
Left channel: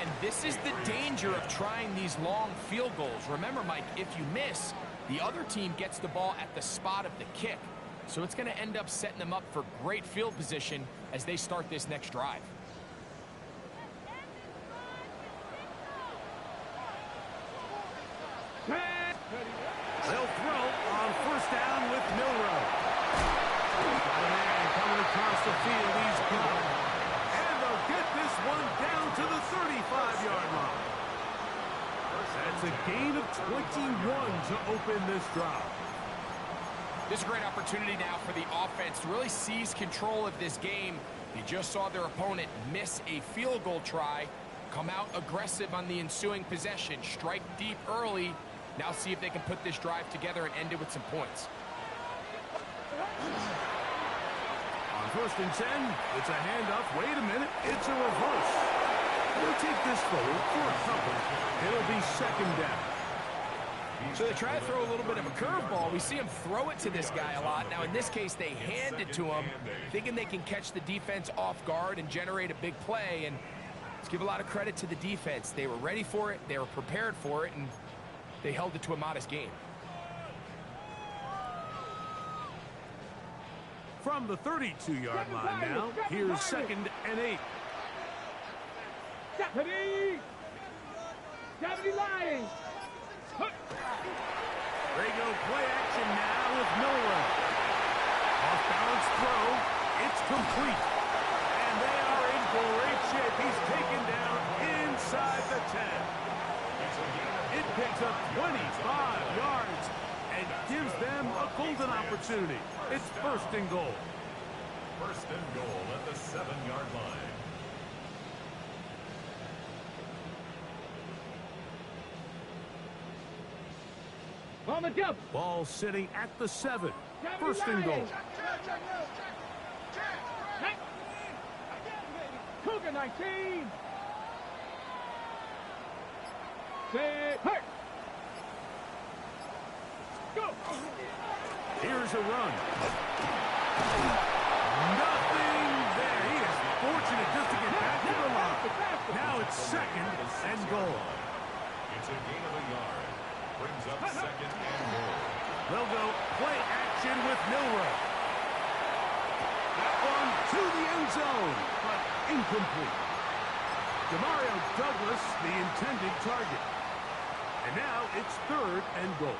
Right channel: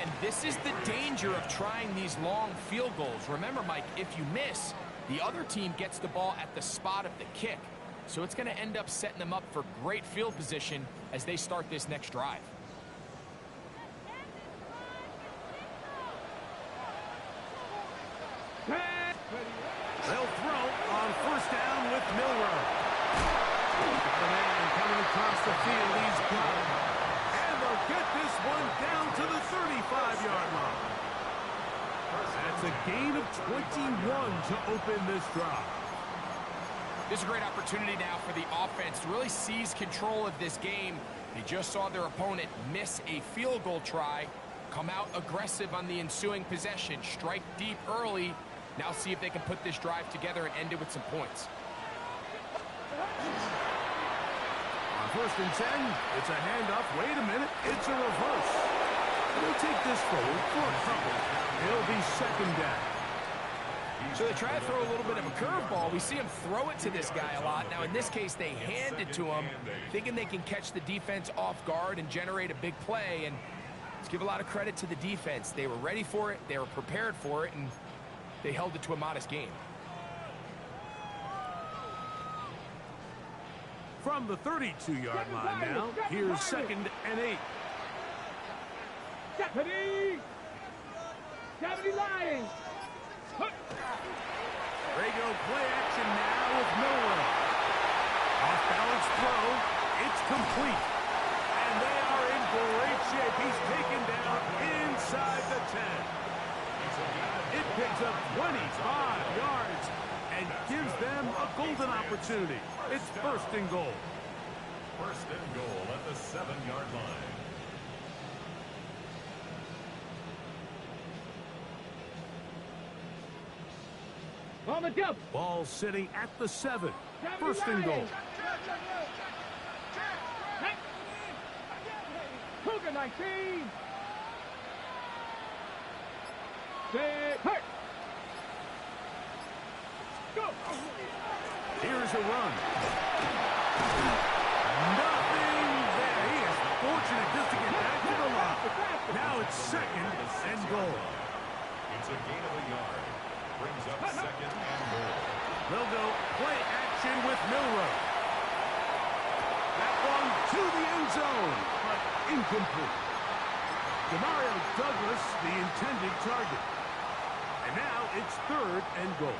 And this is the danger of trying these long field goals. Remember, Mike, if you miss, the other team gets the ball at the spot of the kick. So it's going to end up setting them up for great field position as they start this next drive. They'll throw on first down with Milroe. Got a man coming across the field. He's got it. And they'll get this one down to the 35-yard line. That's a gain of 21 to open this drive. This is a great opportunity now for the offense to really seize control of this game. They just saw their opponent miss a field goal try, come out aggressive on the ensuing possession, strike deep early. Now see if they can put this drive together and end it with some points. On first and 10, it's a handoff. Wait a minute, it's a reverse. They'll take this forward for a couple. It'll be second down. So they try to throw a little bit of a curveball. We see him throw it to this guy a lot. Now, in this case, they hand it to him, thinking they can catch the defense off guard and generate a big play. And let's give a lot of credit to the defense. They were ready for it, they were prepared for it, and they held it to a modest game. From the 32-yard line now, here's second and 8. Deputy! Deputy Lying! They go play action now with Milroe. Off-balance throw. It's complete. And they are in great shape. He's taken down inside the 10. It picks up 25 yards and gives them a golden opportunity. It's first and goal. First and goal at the 7-yard line. On the double. Ball sitting at the 7. First and goal. Cougar 19. Set. Hurt. Go. Here's a run. Nothing there. He is fortunate just to get back to the line. Now it's second and goal. It's a gain of a yard. Brings up second and goal. They'll go play action with Milroe. That one to the end zone, but incomplete. Demario Douglas, the intended target. And now it's third and goal.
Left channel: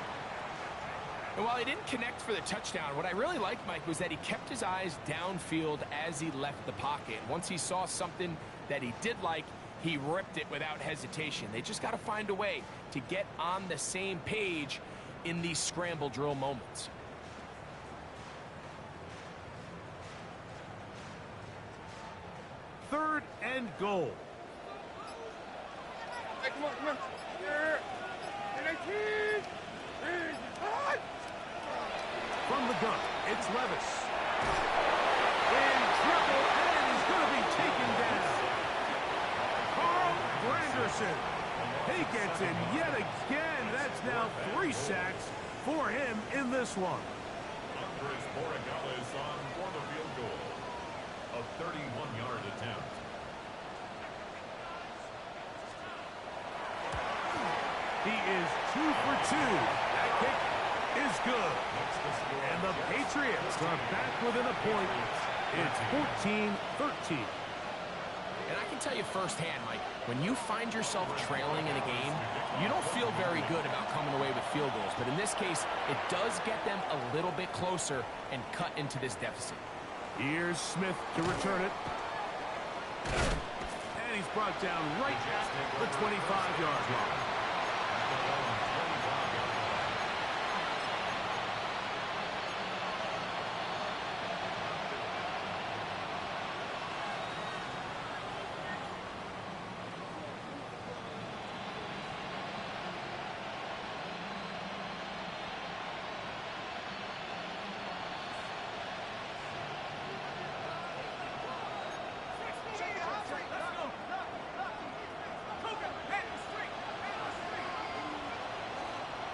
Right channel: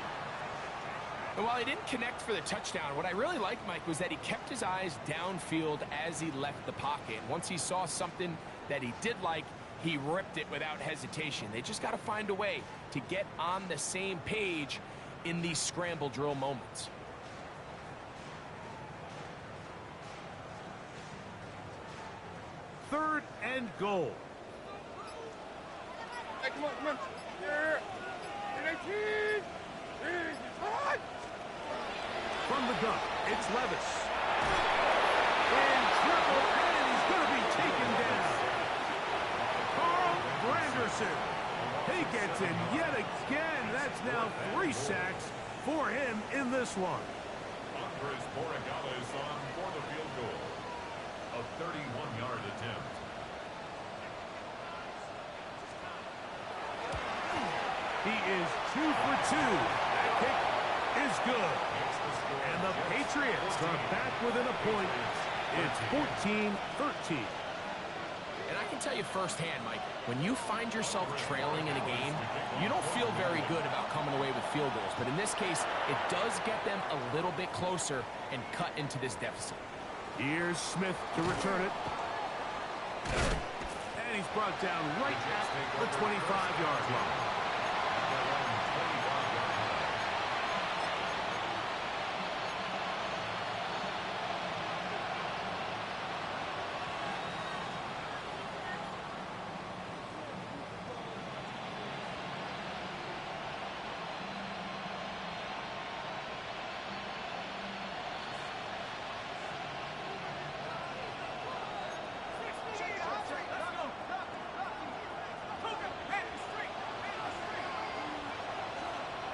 And while he didn't connect for the touchdown, what I really liked, Mike, was that he kept his eyes downfield as he left the pocket. And once he saw something that he did like, he ripped it without hesitation. They just got to find a way to get on the same page in these scramble drill moments. Third and goal. Hey, come on, come on. Here. 18. From the gun, it's Levis. In trouble, and he's going to be taken down. Carl Granderson. He gets in yet again. That's now 3 sacks for him in this one. Andres Borregales on for the field goal. A 31-yard attempt. He is 2 for 2. That kick is good. And the Patriots are back within a point. It's 14-13. And I can tell you firsthand, Mike, when you find yourself trailing in a game, you don't feel very good about coming away with field goals. But in this case, it does get them a little bit closer and cut into this deficit. Here's Smith to return it. And he's brought down right at the 25-yard line. At their own 25-yard line.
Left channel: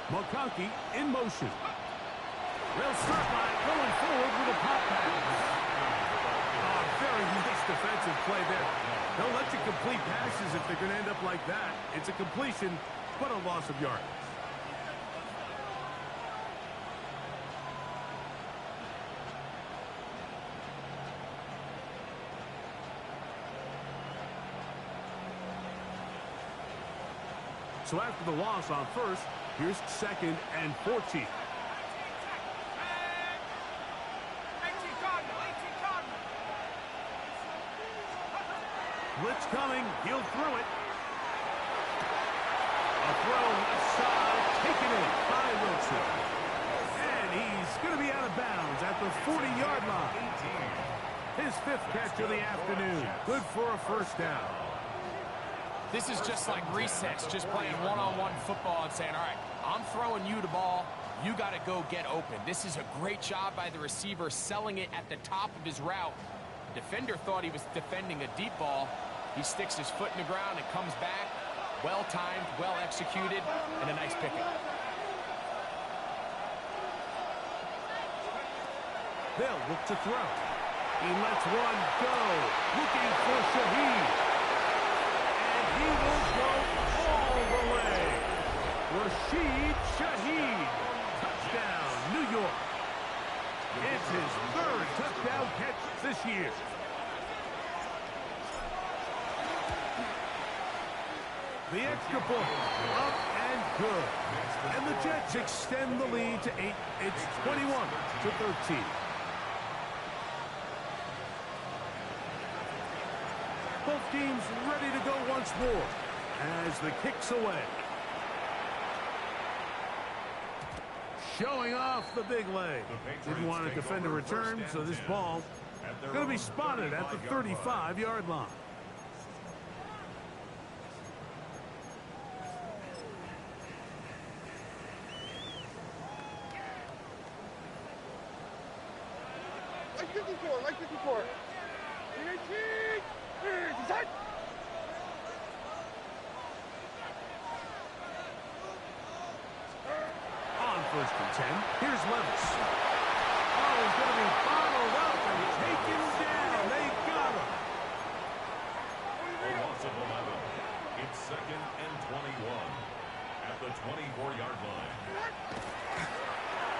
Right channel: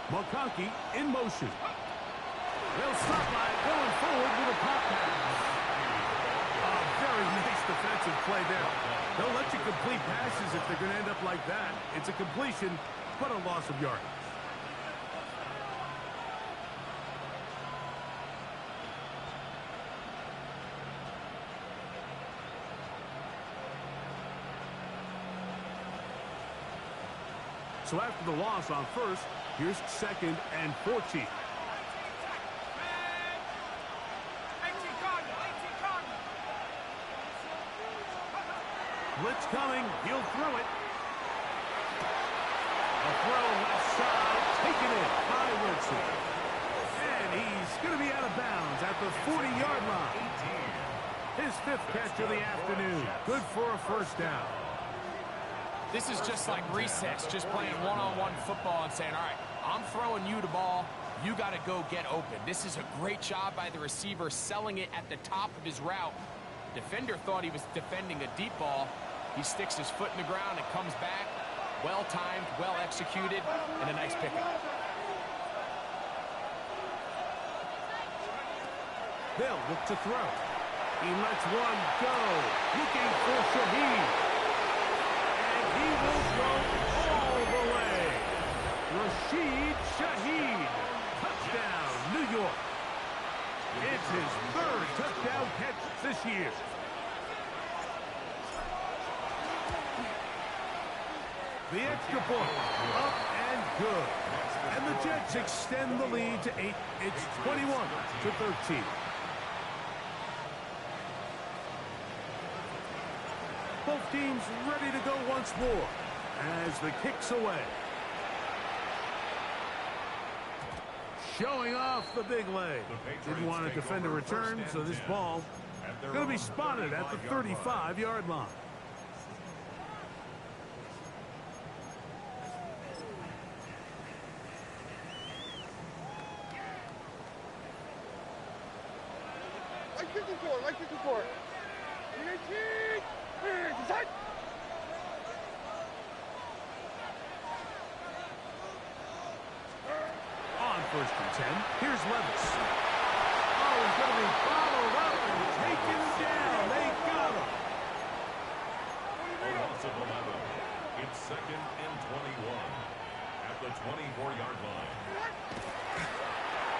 McConkey in motion. They'll start by going forward with a pop pass. Very nice defensive play there. They'll let you complete passes if they're going to end up like that. It's a completion, but a loss of yards. So after the loss on first, here's 2nd and 14. Blitz coming. He'll throw it. A throw left side. Taken in by Wilson. And he's going to be out of bounds at the 40-yard line. His 5th catch of the afternoon. Good for a first down. This is just like recess, just playing one-on-one football and saying, all right, I'm throwing you the ball. You got to go get open. This is a great job by the receiver selling it at the top of his route. The defender thought he was defending a deep ball. He sticks his foot in the ground and comes back. Well-timed, well-executed, and a nice pickup. They'll look to throw. He lets one go. Looking for Shaheed. And he will go all the way. Rashid Shaheed. Touchdown, New York. It's his 3rd touchdown catch this year. The extra point, up and good. And the Jets extend the lead to 8. It's 21-13. Both teams ready to go once more as the kick's away. Showing off the big leg. Didn't want to defend a return, so this ball going to be spotted at the 35-yard line. Like 54, like 54. 18. Design. On 1st and 10, here's Levis. Oh, he's going to be bottled up and taken down. They got him. A loss of 11. It's 2nd and 21 at the 24-yard line.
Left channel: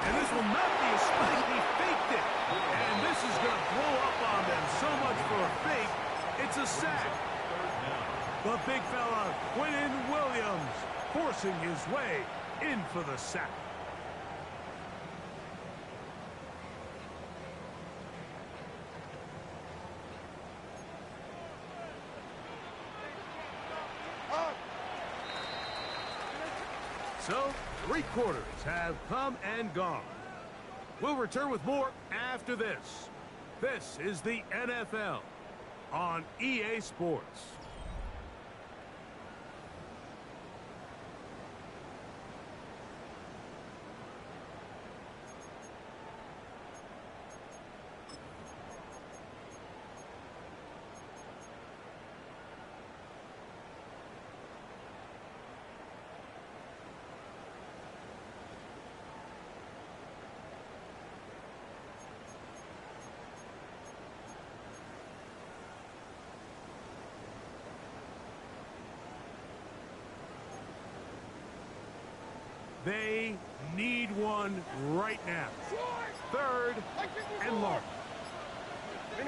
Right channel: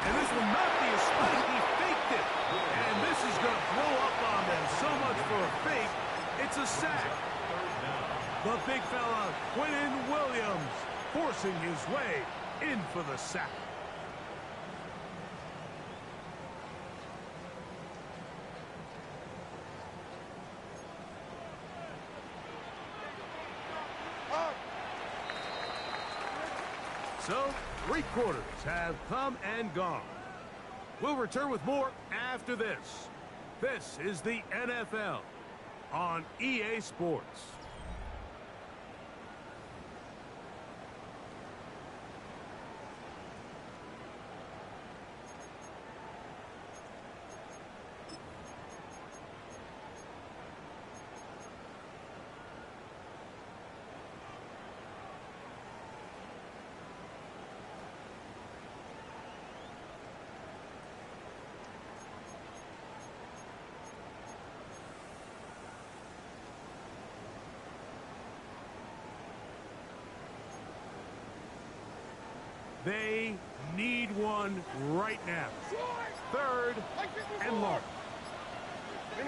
And this will not be a spike. He faked it. And this is going to blow up on them. So much for a fake. It's a sack. The big fella, Quinnen Williams, forcing his way in for the sack. So, 3 quarters have come and gone. We'll return with more after this. This is the NFL on EA Sports. They need one right now. 3rd and long. 18.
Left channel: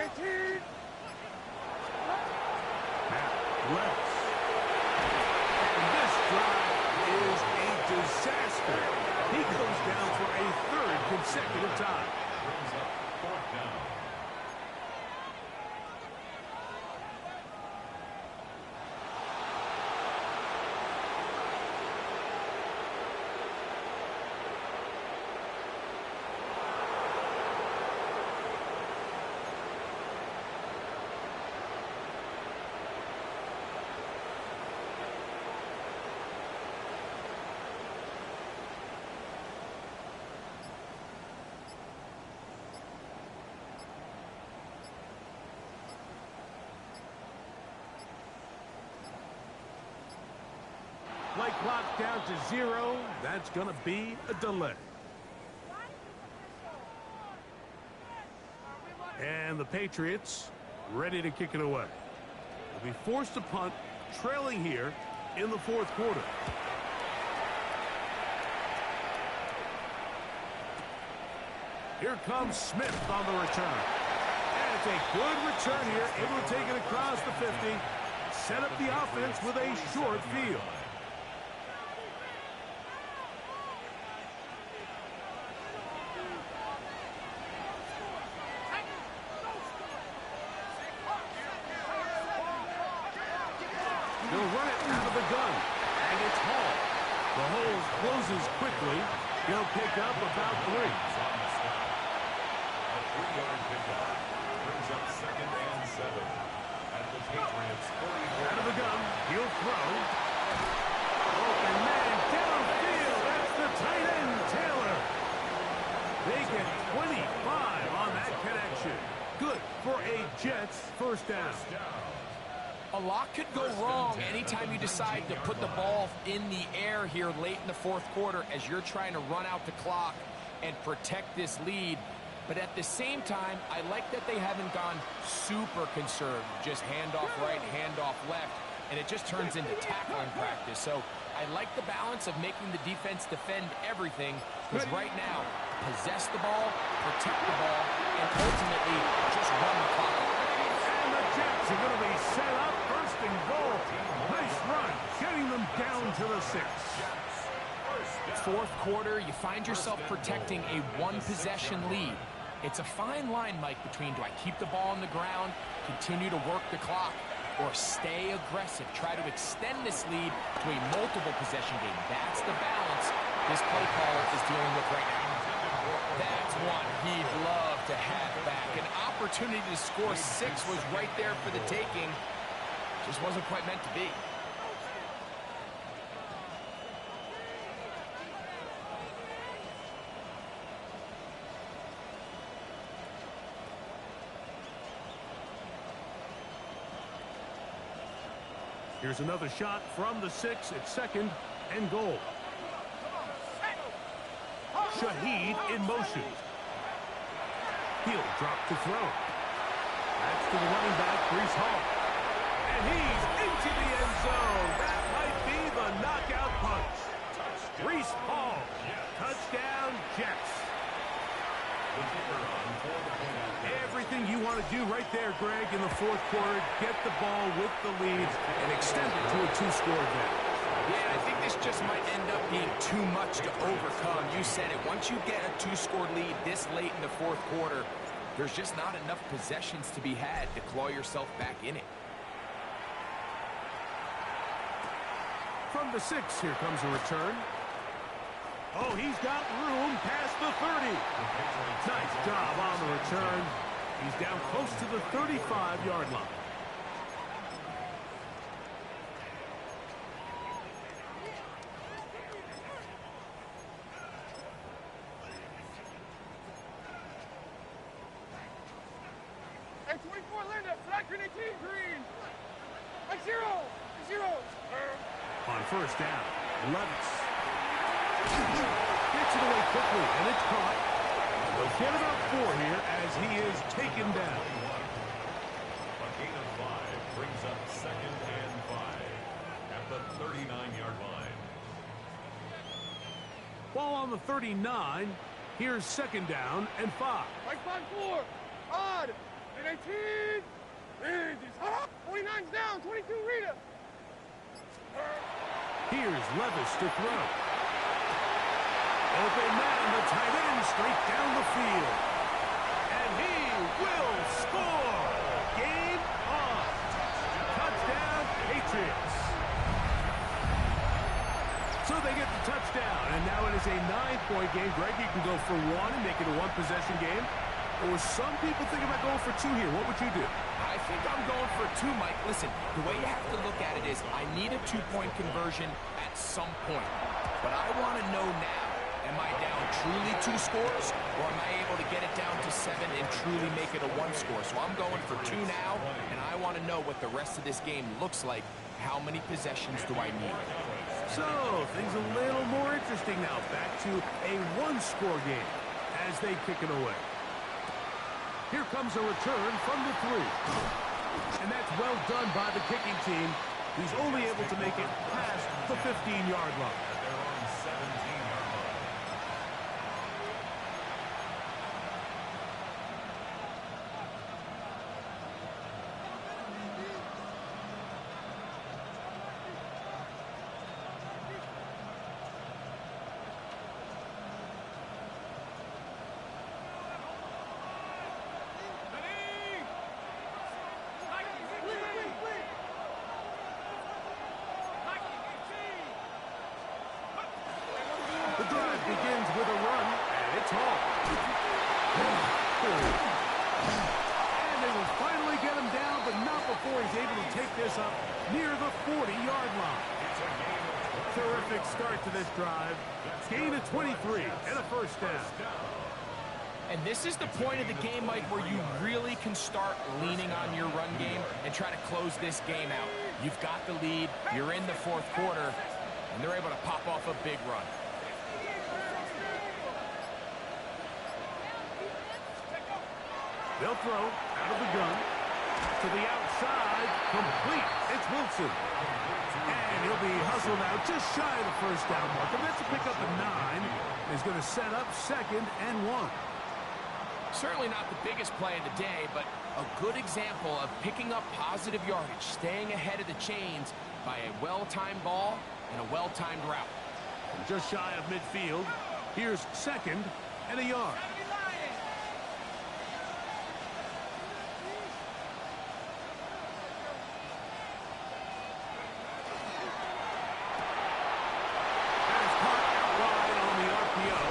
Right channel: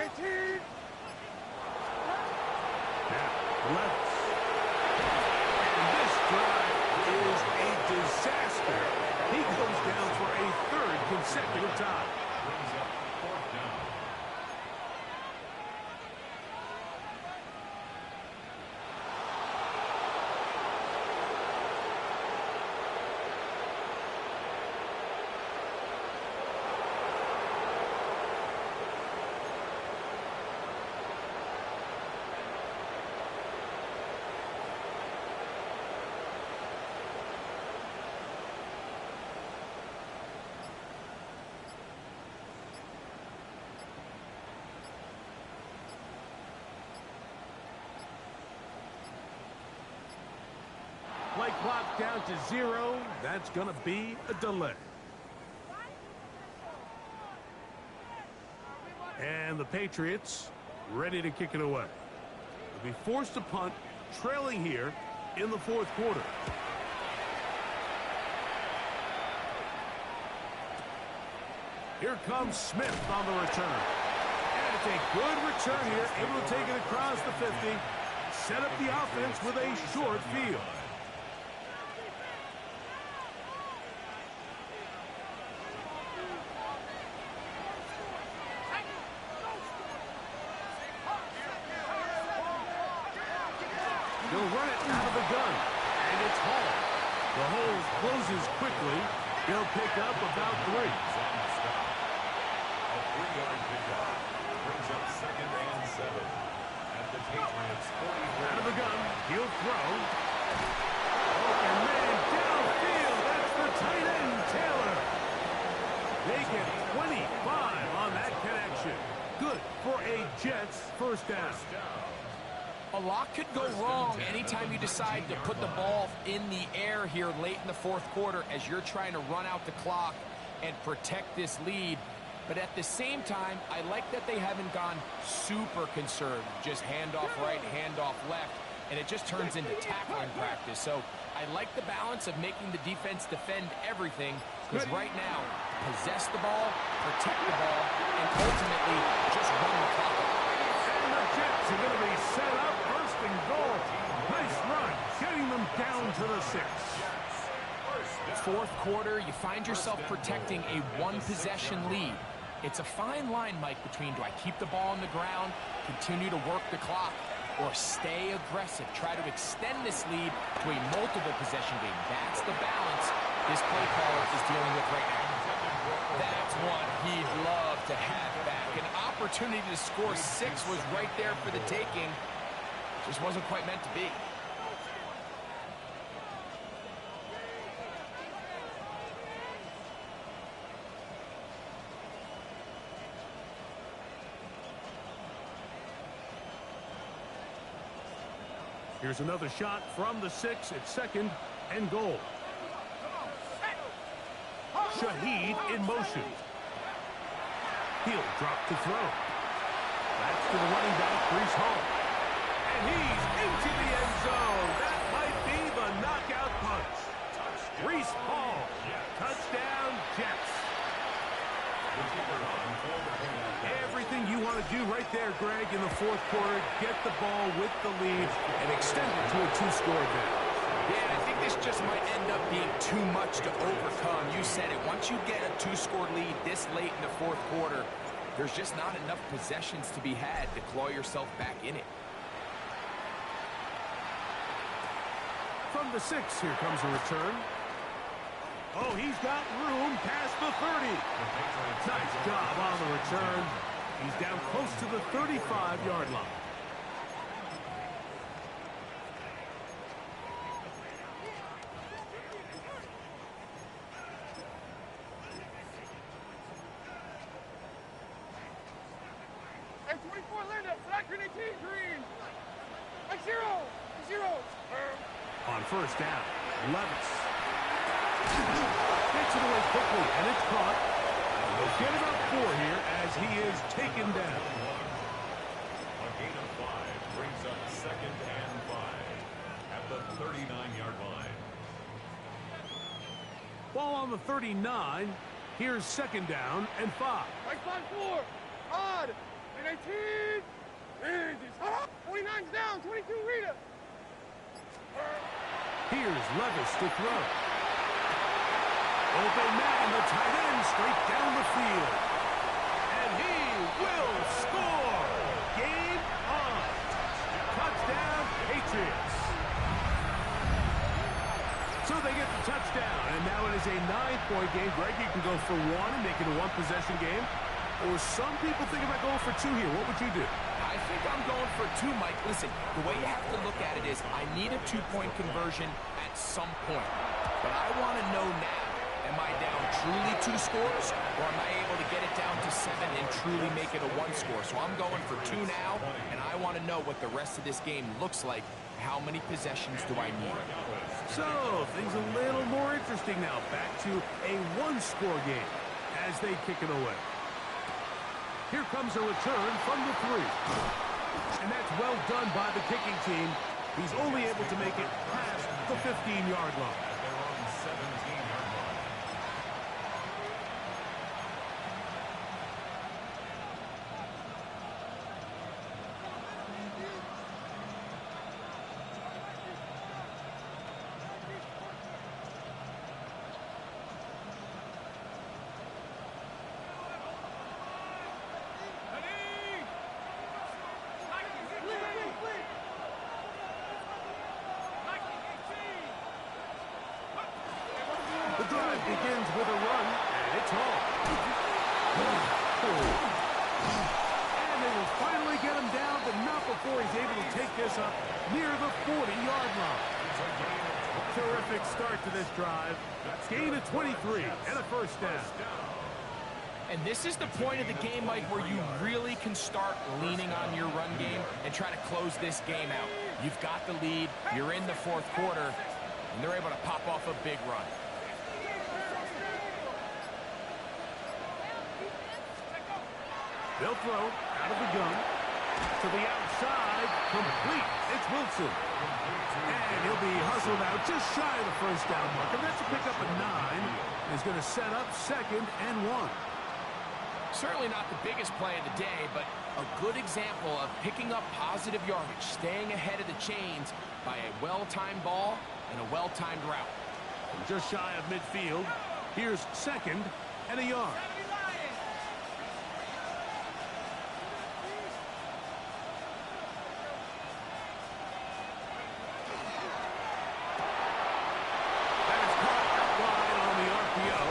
Now, Levis. And this drive is a disaster. He goes down for a 3rd consecutive time. Brings up 4th down. Play clock down to 0. That's going to be a delay. the Patriots, ready to kick it away. They'll be forced to punt, trailing here in the fourth quarter. Here comes Smith on the return. And it's a good return here, able to take it across the 50, set up the offense with a short field. He'll run it out of the gun, and it's Hall. The hole closes quickly. He'll pick up about 3. A 3-yard pickup brings up 2nd and 7 at the Patriots 44. Out of the gun, he'll throw. Open man downfield. That's the tight end, Taylor. They get 25 on that connection. Good for a Jets first down. A lot could go wrong anytime you decide to put the ball in the air here late in the fourth quarter as you're trying to run out the clock and protect this lead. But at the same time, I like that they haven't gone super conservative. Just handoff right, handoff left, and it just turns into tackling practice. So I like the balance of making the defense defend everything, because right now, possess the ball, protect the ball, and ultimately just run the clock out. And the Jets are going to be set up first and goal. Nice run, getting them down to the 6. Fourth quarter, you find yourself protecting a one-possession lead. It's a fine line, Mike, between do I keep the ball on the ground, continue to work the clock, or stay aggressive, try to extend this lead to a multiple possession game. That's the balance this play caller is dealing with right now. That's one he'd love to have back. An opportunity to score 6 was right there for the taking. Just wasn't quite meant to be. Here's another shot from the 6 at 2nd and goal. Shaheed in motion. He'll drop to throw. That's to the running back, Breece Hall. And he's into the end zone. That might be the knockout punch. Breece Hall. Touchdown, Jets. Everything you want to do right there, Greg, in the fourth quarter. Get the ball with the lead and extend it to a 2-score advantage. Yeah, I think this just might end up being too much to overcome. You said it. Once you get a 2-score lead this late in the fourth quarter, there's just not enough possessions to be had to claw yourself back in it. From the 6, here comes a return. Oh, he's got room past the 30. Nice job on the return. He's down close to the 35-yard line. Hey, 24, Linda, flat grenade team, green. Hey, 0. On first down, Levis. Gets it away quickly, and it's caught. And they'll get about 4 here as he is taken down. A gain of 5 brings up 2nd and 5 at the 39-yard line. Ball on the 39. Here's 2nd down and 5. Right side 4. Odd. 18. 29's down. 22, Rita. Here's Levis to throw. Open man, the tight end, straight down the field. And he will score. Game on. Touchdown, Patriots. So they get the touchdown, and now it is a 9-point game. Greg, you can go for 1 and make it a 1-possession game. Or some people think about going for 2 here. What would you do? I think I'm going for 2, Mike. Listen, the way you have to look at it is I need a 2-point conversion at some point. But I want to know now, am I down truly 2 scores, or am I able to get it down to 7 and truly make it a 1 score? So I'm going for 2 now, and I want to know what the rest of this game looks like. How many possessions do I need? So, things a little more interesting now. Back to a 1-score game as they kick it away. Here comes a return from the 3. And that's well done by the kicking team. He's only able to make it past the 15-yard line. At their own 17-yard line. The drive begins with a run, and it's home. And they will finally get him down, but not before he's able to take this up near the 40-yard line. It's a gain of 20. Terrific start to this drive. Gain of 23 and a first down. And this is the point of the game, Mike, where you really can start leaning on your run game and try to close this game out. You've got the lead, you're in the fourth quarter, and they're able to pop off a big run. They'll throw out of the gun to the outside, complete. It's Wilson. And he'll be hustled out just shy of the first down marker. That's a pickup of 9. He's going to set up 2nd and 1. Certainly not the biggest play of the day, but a good example of picking up positive yardage, staying ahead of the chains by a well-timed ball and a well-timed route. From just shy of midfield, here's 2nd and a yard. That is caught out wide on the RPO.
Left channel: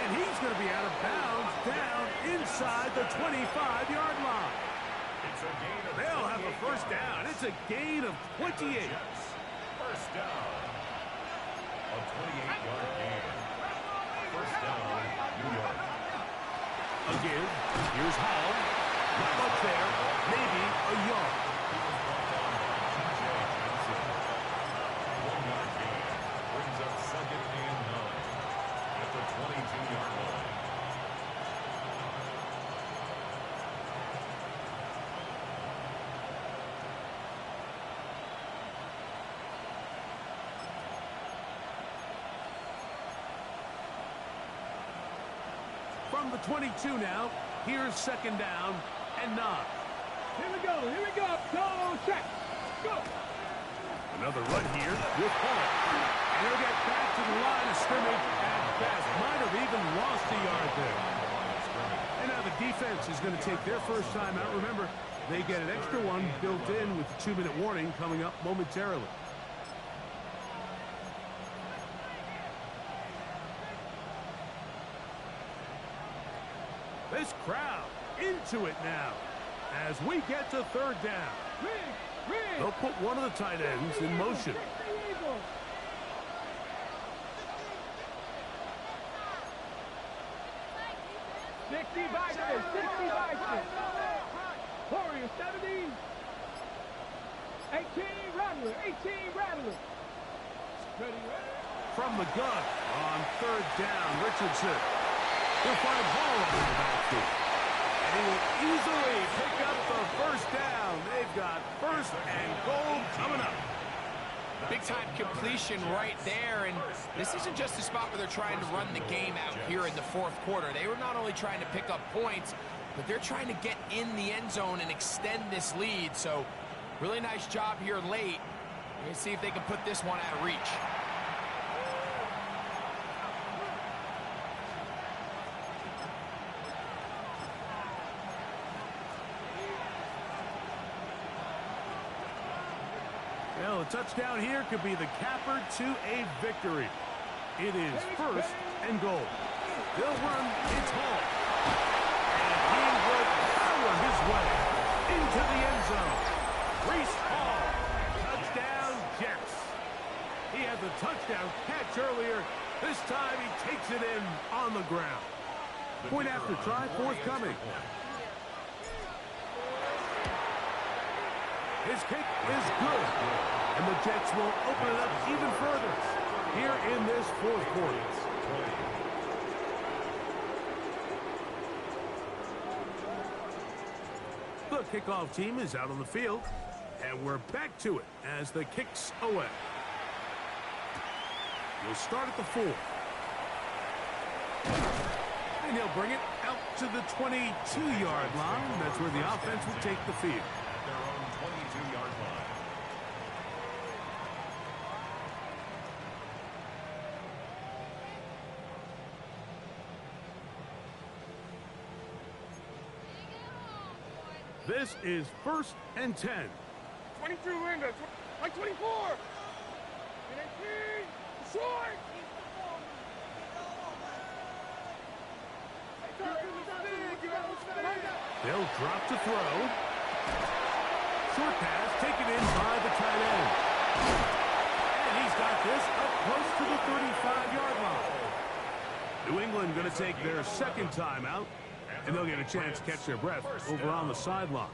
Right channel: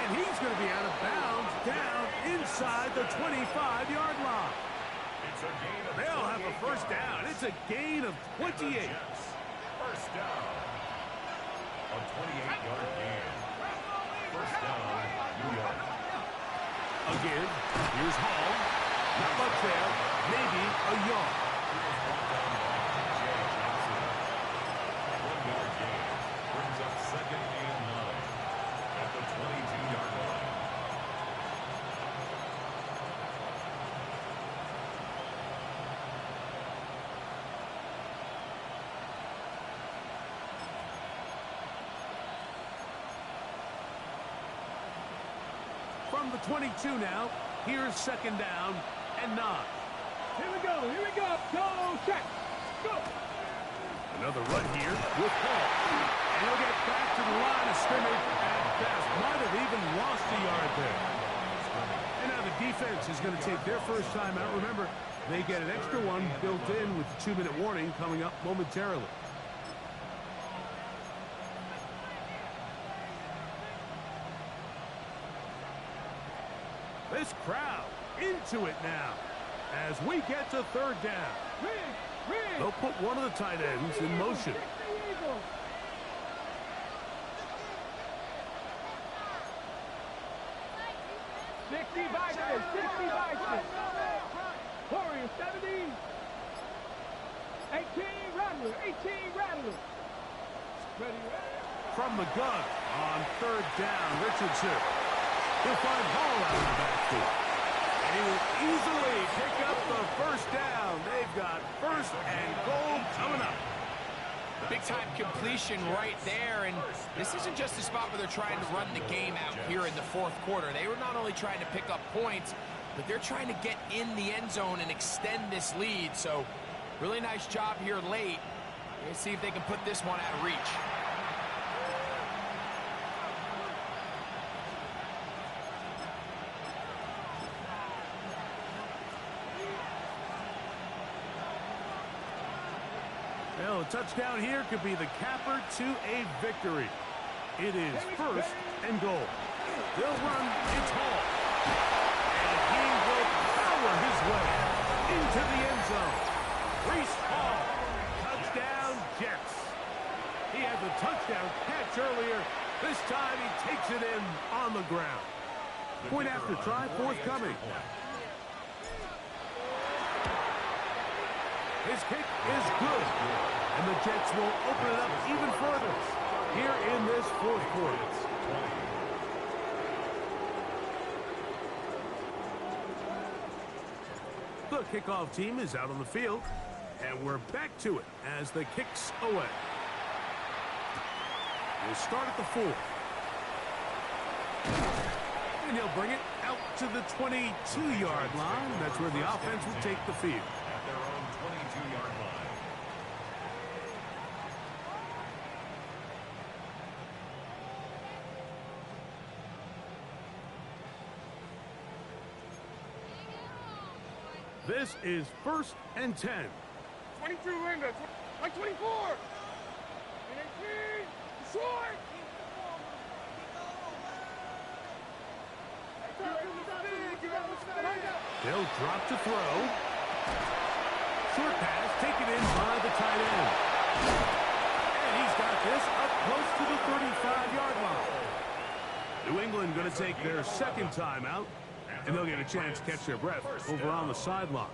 And he's going to be out of bounds down inside the 25-yard line. It's a gain of They'll have a first down. It's a gain of 28. First down. A 28-yard gain. First down, New York. Again, here's Hall. Not much there. Maybe a yard. He was brought down by T.J. Johnson. 1-yard gain. Brings up 2nd and 9 at the 22-yard line. From the 22 now, here's 2nd down and 9. Here we go, go, check, go. Another run here with Hall. And he'll get back to the line of scrimmage at best. Might have even lost a yard there. And now the defense is going to take their first time out. Remember, they get an extra one built in with the 2-minute warning coming up momentarily. This crowd into it now as we get to 3rd down. They'll put one of the tight ends in motion. 60 Vikings, 60 Vikings. Warriors, 70. 18 Rattler, 18 Rattler. Ready. From the gun on 3rd down, Richardson. He'll find Hall out in the backfield. And he will easily pick up the first down. They've got 1st and goal coming up. Big-time completion right there, and this isn't just a spot where they're trying to run the game out here in the fourth quarter. They were not only trying to pick up points, but they're trying to get in the end zone and extend this lead. So, really nice job here late. We're going to see if they can put this one out of reach. Well, a touchdown here could be the capper to a victory. It is 1st and goal. They'll run. It's Hall. And he will power his way into the end zone. Reese Hall. Touchdown, Jets. He had the touchdown catch earlier. This time he takes it in on the ground. Point after try forthcoming. His kick is good. And the Jets will open it up even further here in this fourth quarter. The kickoff team is out on the field, and we're back to it as the kick's away. He'll start at the 4. And he'll bring it out to the 22-yard line. That's where the offense will take the field. At their own 22-yard line. This is 1st and 10. 22, Linda. Like 24. 18. Short. They'll drop to throw. Short pass taken in by the tight end. And he's got this up close to the 35-yard line. New England going to take their second timeout, and they'll get a chance to catch their breath over on the sideline.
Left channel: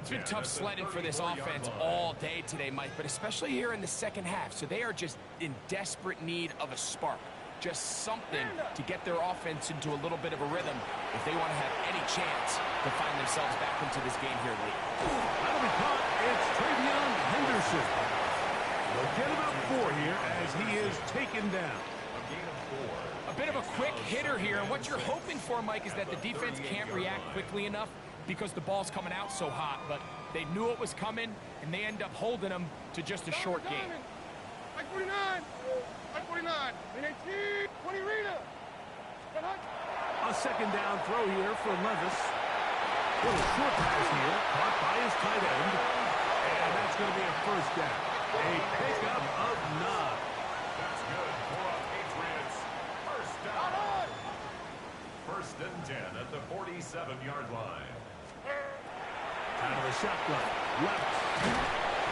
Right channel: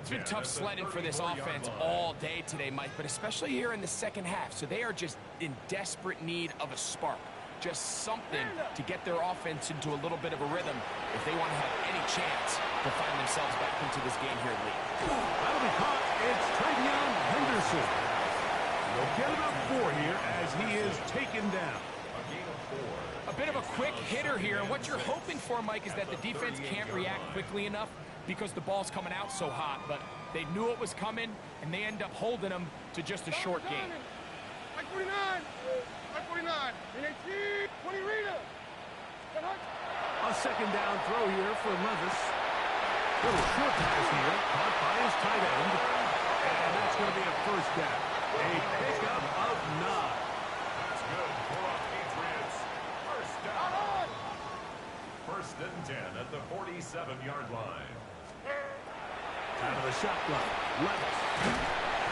It's been tough sledding for this offense all day today, Mike, but especially here in the second half. So they are just in desperate need of a spark. Just something to get their offense into a little bit of a rhythm if they want to have any chance to find themselves back into this game here late. That'll be caught. It's Travion Henderson. They'll get about 4 here as he is taken down. A gain of 4. A bit of a quick hitter here, and what you're hoping for, Mike, is that the defense can't react quickly enough because the ball's coming out so hot, but they knew it was coming, and they end up holding them to just a short game. Like 49. Like 49. 18. 20 Rita. A second down throw here for Levis. Little short pass here, caught by his tight end, and that's going to be a first down. A pickup of 9. That's good for a Patriots. First down. 1st and 10 at the 47-yard line. Out of the shotgun, Levis.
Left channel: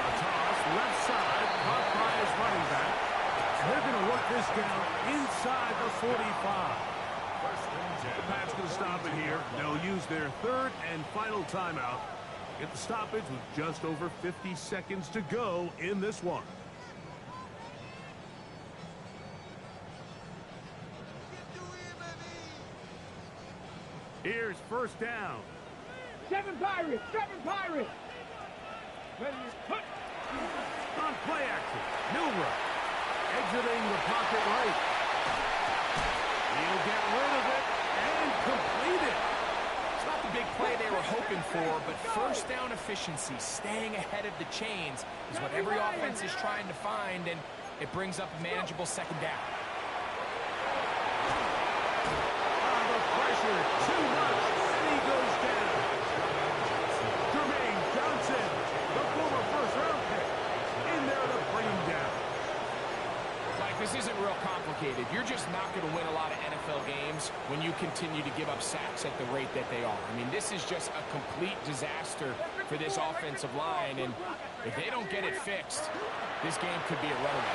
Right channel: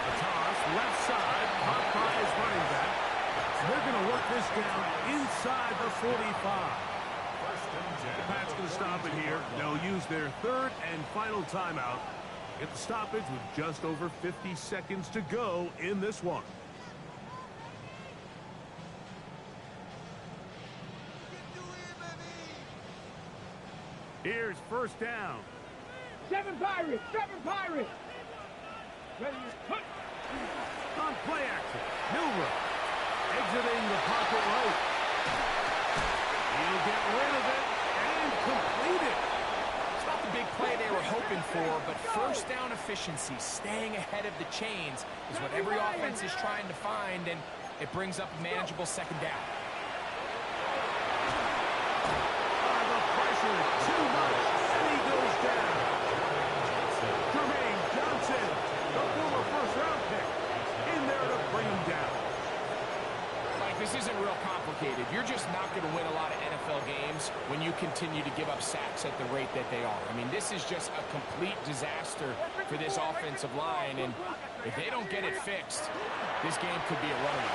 A toss, left side, caught by his running back. They're going to work this down inside the 45. 1st and 10. The Pats going to stop it here. They'll use their 3rd and final timeout. Get the stoppage with just over 50 seconds to go in this one. Here's first down. 7 Pirates. 7 Pirates. Ready to put. On play action, Milrow exiting the pocket right. He'll get rid of it and complete it. It's not the big play they were hoping for, but first down efficiency, staying ahead of the chains, is what every offense is trying to find, and it brings up a manageable second down. The pressure, too much, and he goes down. Jermaine Johnson, the former first-round pick, in there to bring him down. Like, this isn't real complicated. You're just not going to win a lot of NFL games when you continue to give up sacks at the rate that they are. I mean, this is just a complete disaster for this offensive line, and if they don't get it fixed, this game could be a runaway.